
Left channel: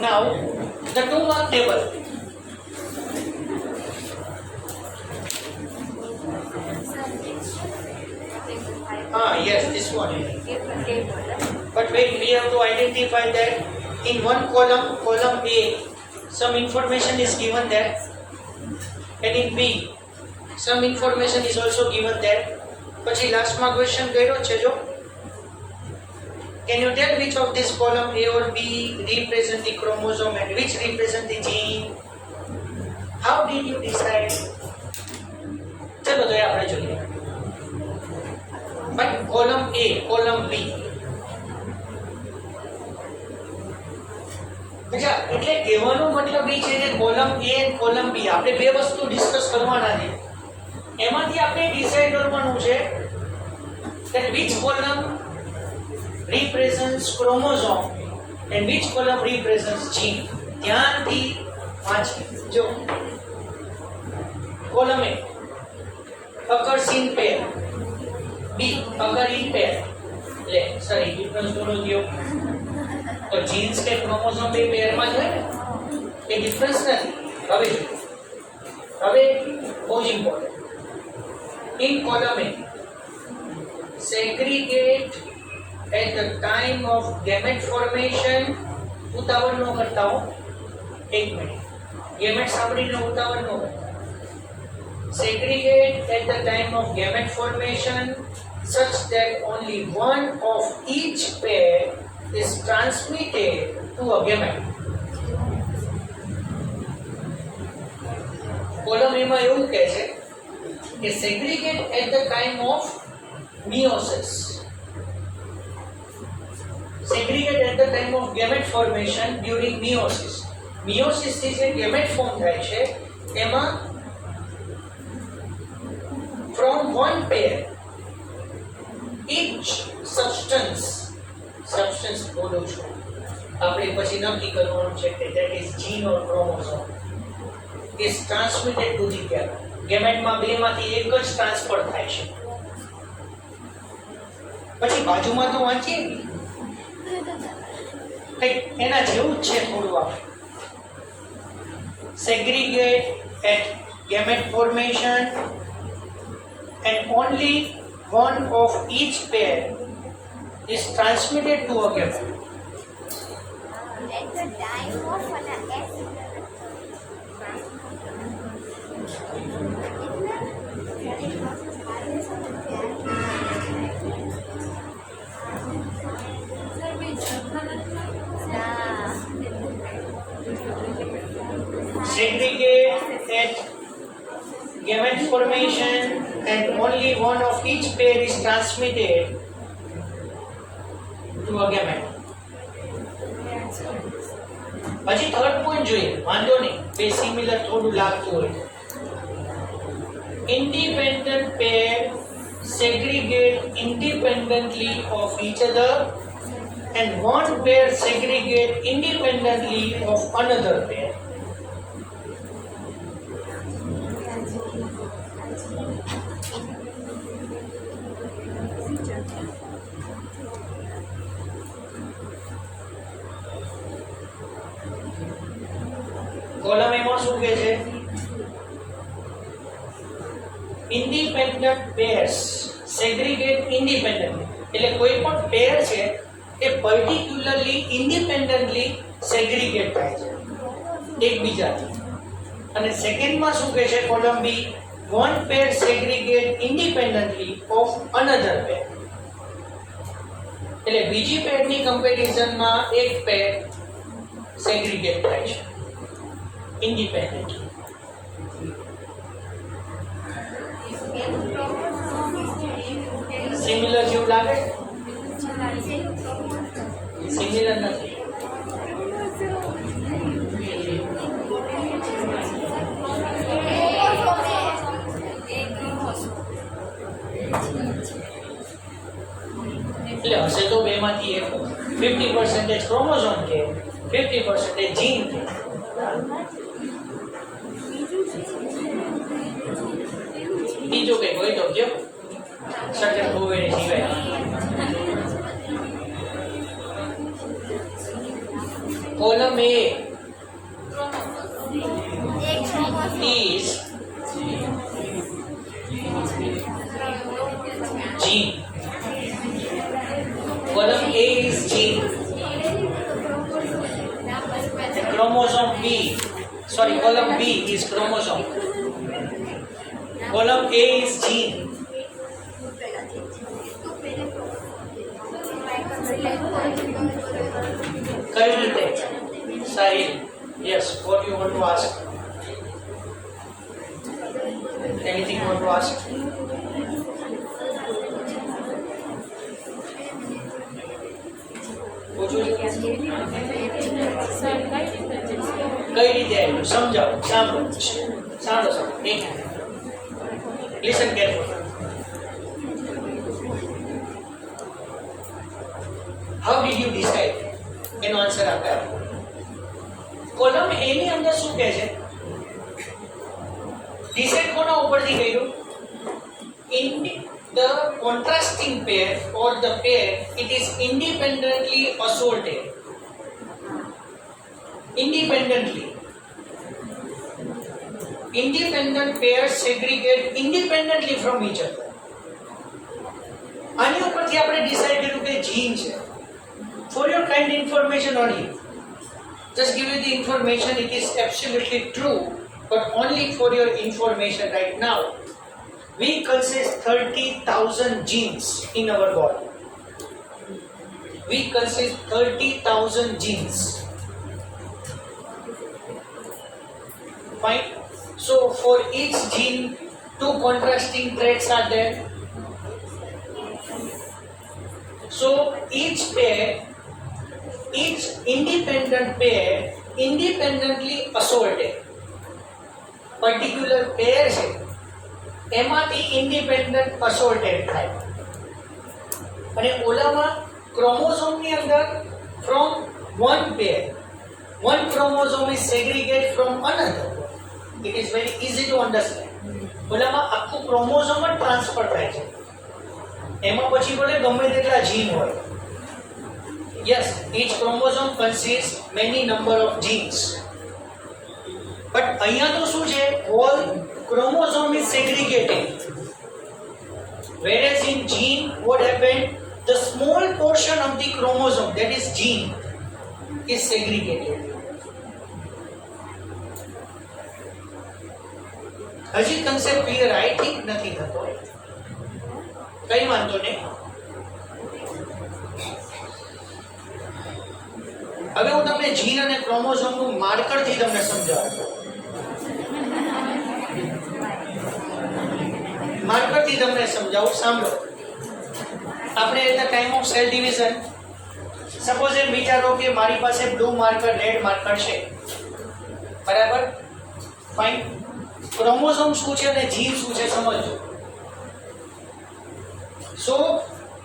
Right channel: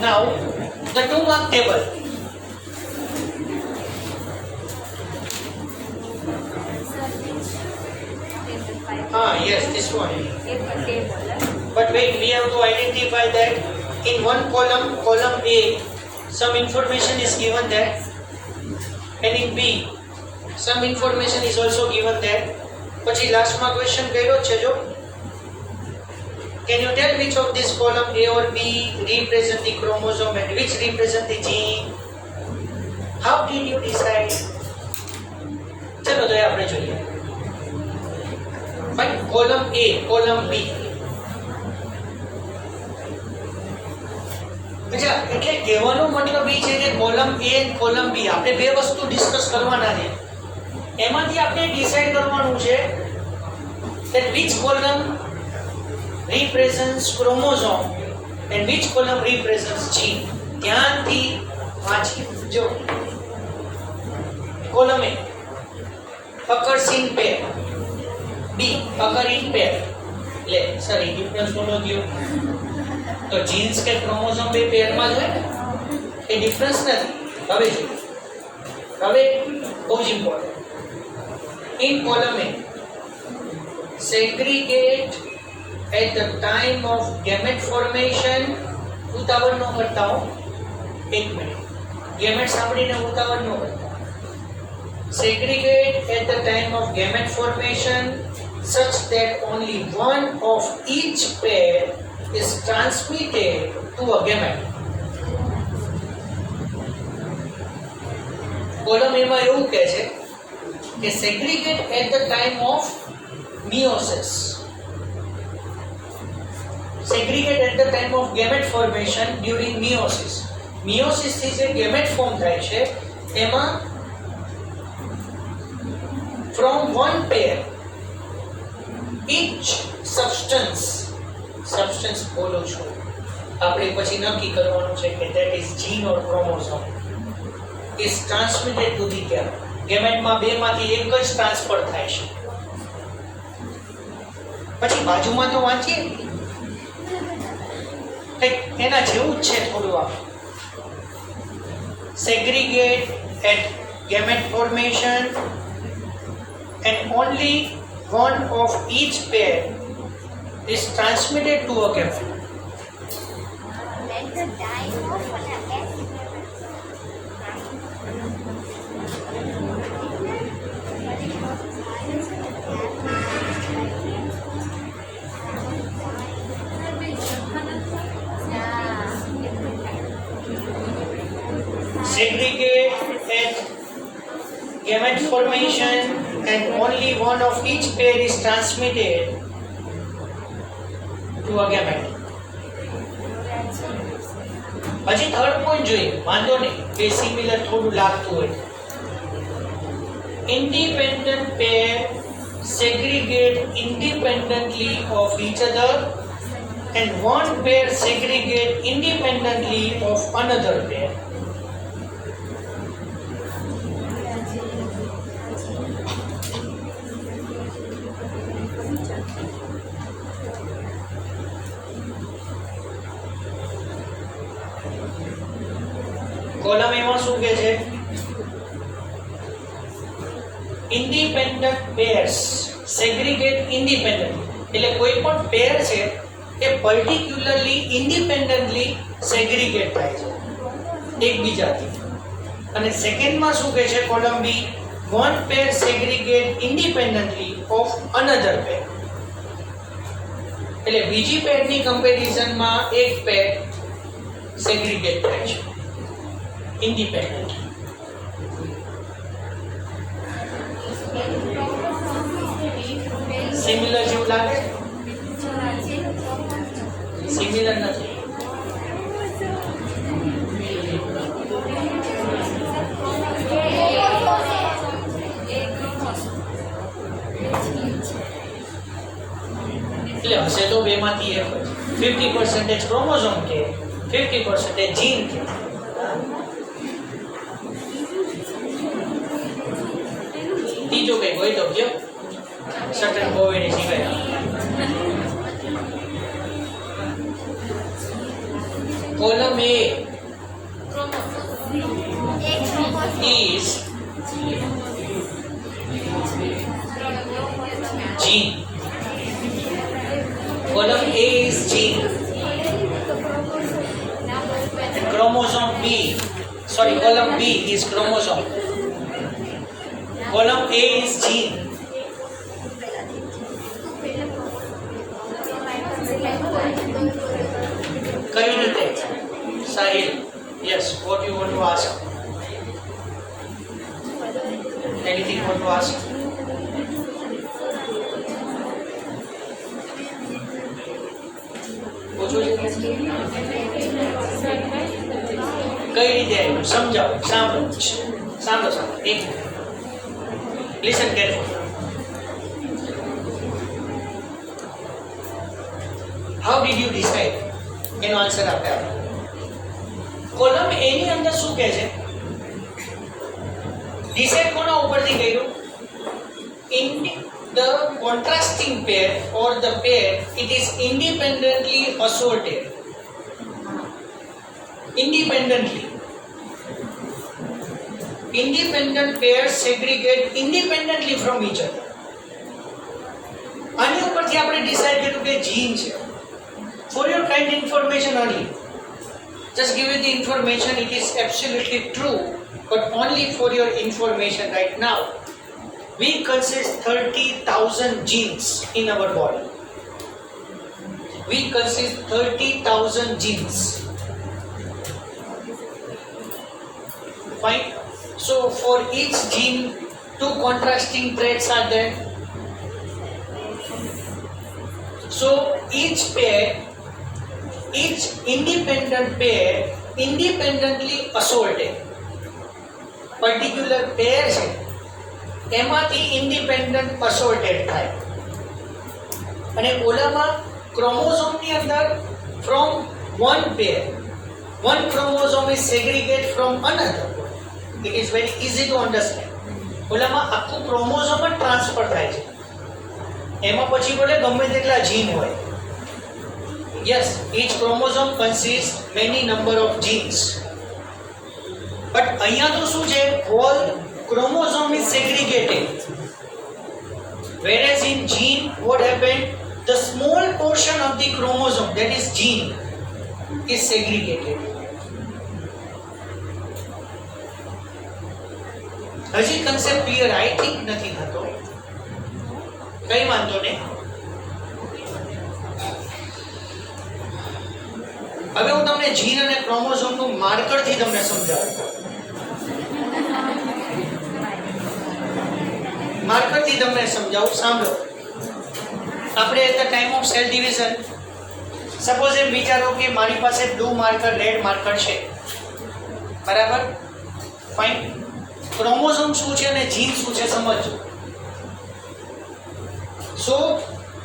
Now, the 2-mark table. Table 5. Yes, this one. Table. But wait, we have to identify that in one column, column A, some information is given there, and in B, some information is also given there. પછી લાસ્ટમાં ક્વેશ્ચન કર્યો છે જો, can you tell which of this column A or B represent the chromosome and which represent the gene? How did you decide? ચલો તો એ આપણે જોઈએ. Fine, column A, column B. અચ્છા, એટલે કહેવાનો મતલબ એ છે કે કોલમ A અને કોલમ B આપણે બે વસ્તુ ડિસ્કસ કરવાના છે. એમાંથી આપણે ડિસાઈડ કરવાનું છે that which column represents chromosome and which column represents gene. ધ્યાનથી વાંચી જો. Column A occurs in pair, B occur in pair. લે સર એ ડિફરન્સ બોલો દો. તો જીન્સ કે ક્રોમોઝોમ બે પેરમાં જ હોય ને, એ ડિફરન્સ નથી. હવે જો, હવે બહુ જ important. In column A, segregate at the time of gamete formation. ઉતાવળ ન કરતા હો, એક મિનિટ. ગેમેટ સાંભળીને ઉતાવળ ન કરતા. Segregate at the time of gamete formation such that only one of each pair is transmitted to a gamete. Column એમાં એવું કહે છે કે segregate at the time of meiosis. Segregate at the time of gamete formation during meiosis. meiosis થી જે gamete form થાય છે એમાં from one pair each substance બોલું છું આપણે પછી નક્કી કરવાનું છે કે that is gene or chromosome is transmitted to the gamete. ગેમેટમાં બે માંથી એક જ ટ્રાન્સફર થાય છે. પછી બાજુમાં તો વાંચીએ કંઈક એના જેવું જ છે થોડું. આ segregate at gamete formation and only one of each pair is transmitted to a gamete. At the time of Segregate at gamete formation and only one of each pair is transmitted to a gamete. પછી third point જોઈએ, વાંધો નહીં, બે સિમિલર થોડું લાગતું હોય. Independent pair segregate independently of each other and one pair segregate independently of another pair. Column એમાં શું કહે છે? ઇન્ડિપેન્ડન્ટ પેર્સ સેગ્રીગેટ ઇન્ડિપેન્ડન્ટલી, એટલે કોઈ પણ પેર છે એ પર્ટિક્યુલરલી ઇન્ડિપેન્ડન્ટલી સેગ્રીગેટ થાય છે એકબીજાથી. અને સેકન્ડમાં શું કહે છે column B, one pair segregate independently of another pair. એટલે બીજી પેરની કમ્પેરિઝનમાં એક પેર સેગ્રીગેટ થાય છે independent. સિમિલર જેવું લાગે? સિમિલર નથી. એટલે હશે તો બે માંથી એક. 50% ક્રોમોઝોમ કે 50% જીન કે. ત્રીજો કઈ હોય તો કયો, સટન બોવેને સિવાય. column A એક chromosome. is gene. Column A is gene. And chromosome B, sorry, column B is chromosome. Column A is gene. કઈ રીતે? Sahil, yes, what you want to ask? Anything you want to ask? પૂછવું છે? કઈ રીતે આવ્યું સમજાવો. સાંભળો સાંભળો એક listen careful. How did you decide? એનો આન્સર આપે આપો. કોલમ એ ની અંદર શું કહે છે? ડિસાઇડ કોના ઉપરથી કર્યું? In the contrasting pair or the pair, it is independently assorted. Independent pairs segregate independently from each other. આની ઉપરથી આપણે ડિસાઇડ કર્યું કે જીન છે. For your kind information only, just give you the information, it is absolutely true, but only for your information right now. We consist 30,000 genes in our body. We consist 30,000 genes. Fine. So for each gene, two contrasting traits are there. So each independent pair, independently assorted. Particular pair છે એમાંથી ઇન્ડિપેન્ડન્ટ અસોર્ટેડ થાય અને ઓલામાં ક્રોમોઝોમની અંદર from one pair one chromosome is segregated from another. It is very easy to understand. ઓલામાં આખું ક્રોમોઝોમ જ ટ્રાન્સફર થાય છે. એમાં પછી ભલે ગમે તેટલા જીન હોય. Yes, each chromosome consists many number of genes. But અહીંયા તો શું છે? Whole chromosome is segregated. Whereas in gene, what happened? The small portion of the chromosome, that is gene, is segregated. હજી concept clear? I think નથી થતો. કઈ વાંધો નહીં. હવે હું તમને જીન અને ક્રોમોઝોમનું માર્કરથી તમને સમજાવું. માર્કરથી તમને સમજાવું. સાંભળો. આપણે at the time of cell division, suppose એમ વિચારો કે મારી પાસે બ્લુ માર્કર, રેડ માર્કર છે, બરાબર? ફાઇન. ક્રોમોઝોમ શું છે અને જીન શું છે સમજો. So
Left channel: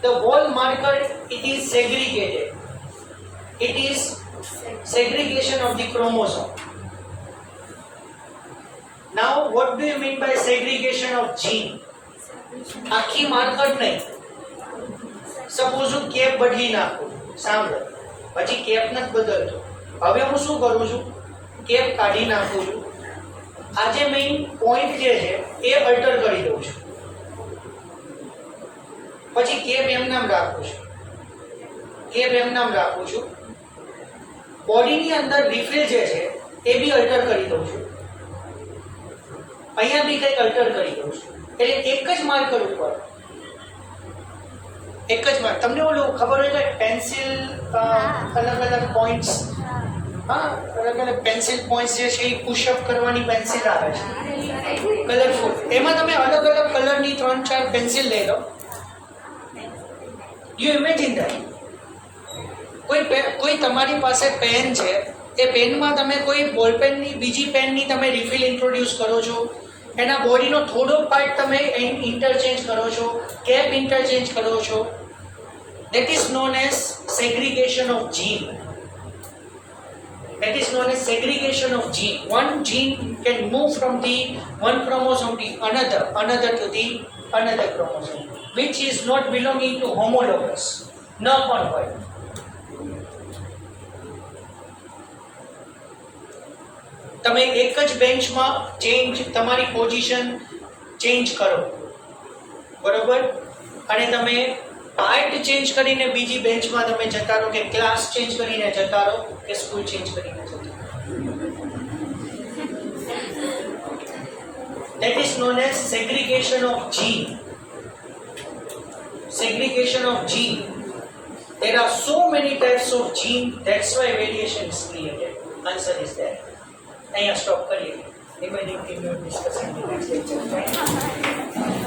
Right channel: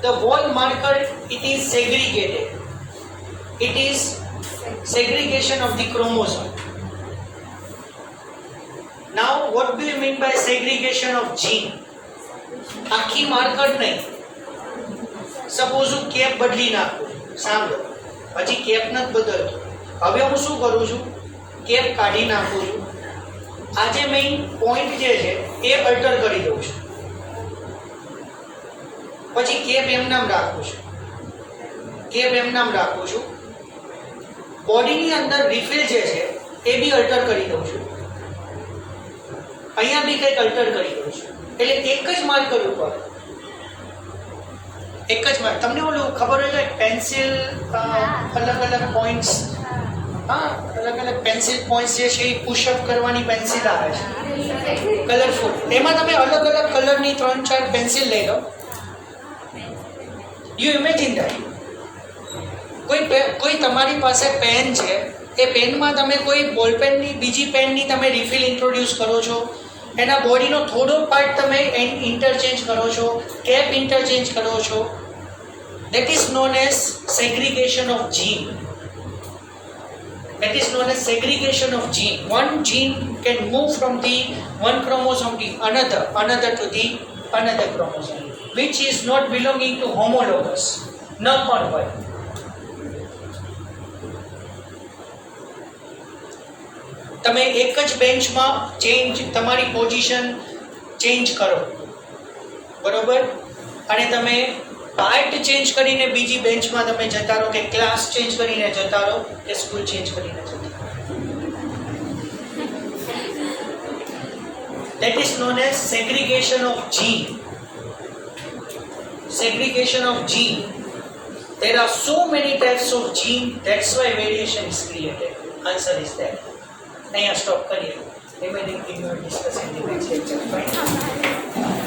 the whole marker it is segregated. It is segregation of the chromosome. Now, what do you mean by segregation of gene? આખી માર્કર નહીં. સપોઝ હું કેપ બદલી નાખું. સાંભળો, પછી કેપ નથી બદલતો. હવે હું શું કરું છું? કેપ કાઢી નાખું છું. આ જે મેઇન પોઈન્ટ જે છે એ અલ્ટર કરી દઉં છું. પછી કેપ એમનામ રાખું છું. કેપ એમનામ રાખું છું. બોડીની અંદર રિફિલ જે છે એ બી અલ્ટર કરી દઉં છું. અહીંયા બી કંઈક અલ્ટર કરી દઉં છું. એટલે એક જ માર્કર ઉપર એક જ માર્ક. તમને ઓલું ખબર હોય કે પેન્સિલ અલગ અલગ પોઈન્ટ્સ, હા, અલગ અલગ પેન્સિલ પોઈન્ટ્સ જે છે એ પુશઅપ કરવાની પેન્સિલ આવે છે કલરફુલ. એમાં તમે અલગ અલગ કલરની 3-4 પેન્સિલ લઈ લો. યુ ઇમેજિન ધેટ કોઈ તમારી પાસે પેન છે, એ પેનમાં તમે કોઈ બોલપેનની બીજી પેનની તમે રિફિલ ઇન્ટ્રોડ્યુસ કરો છો. એના બોડીનો થોડો પાર્ટ તમે ઇન્ટરચેન્જ કરો છો, કેપ ઇન્ટરચેન્જ કરો છો. That is known as segregation of gene. That is known as segregation of gene. One gene can move from the one chromosome to another to the another chromosome, which is not belonging to homologous. ન પણ હોય. તમે એક જ બેન્ચમાં તમારી position change કરો, બરોબર, અને તમે પાર્ટ ચેન્જ કરીને બીજી બેન્ચમાં તમે જતા રહો, કે ક્લાસ ચેન્જ કરીને જતા રહો, કે સ્કૂલ ચેન્જ કરીને જતા રહો. That is known as segregation of gene. Segregation of gene. There are so many types of gene. That's why variation is created. Answer is that. અહીંયા સ્ટોપ કરીએ. Remaining thing we will discuss in the next lecture. Fine.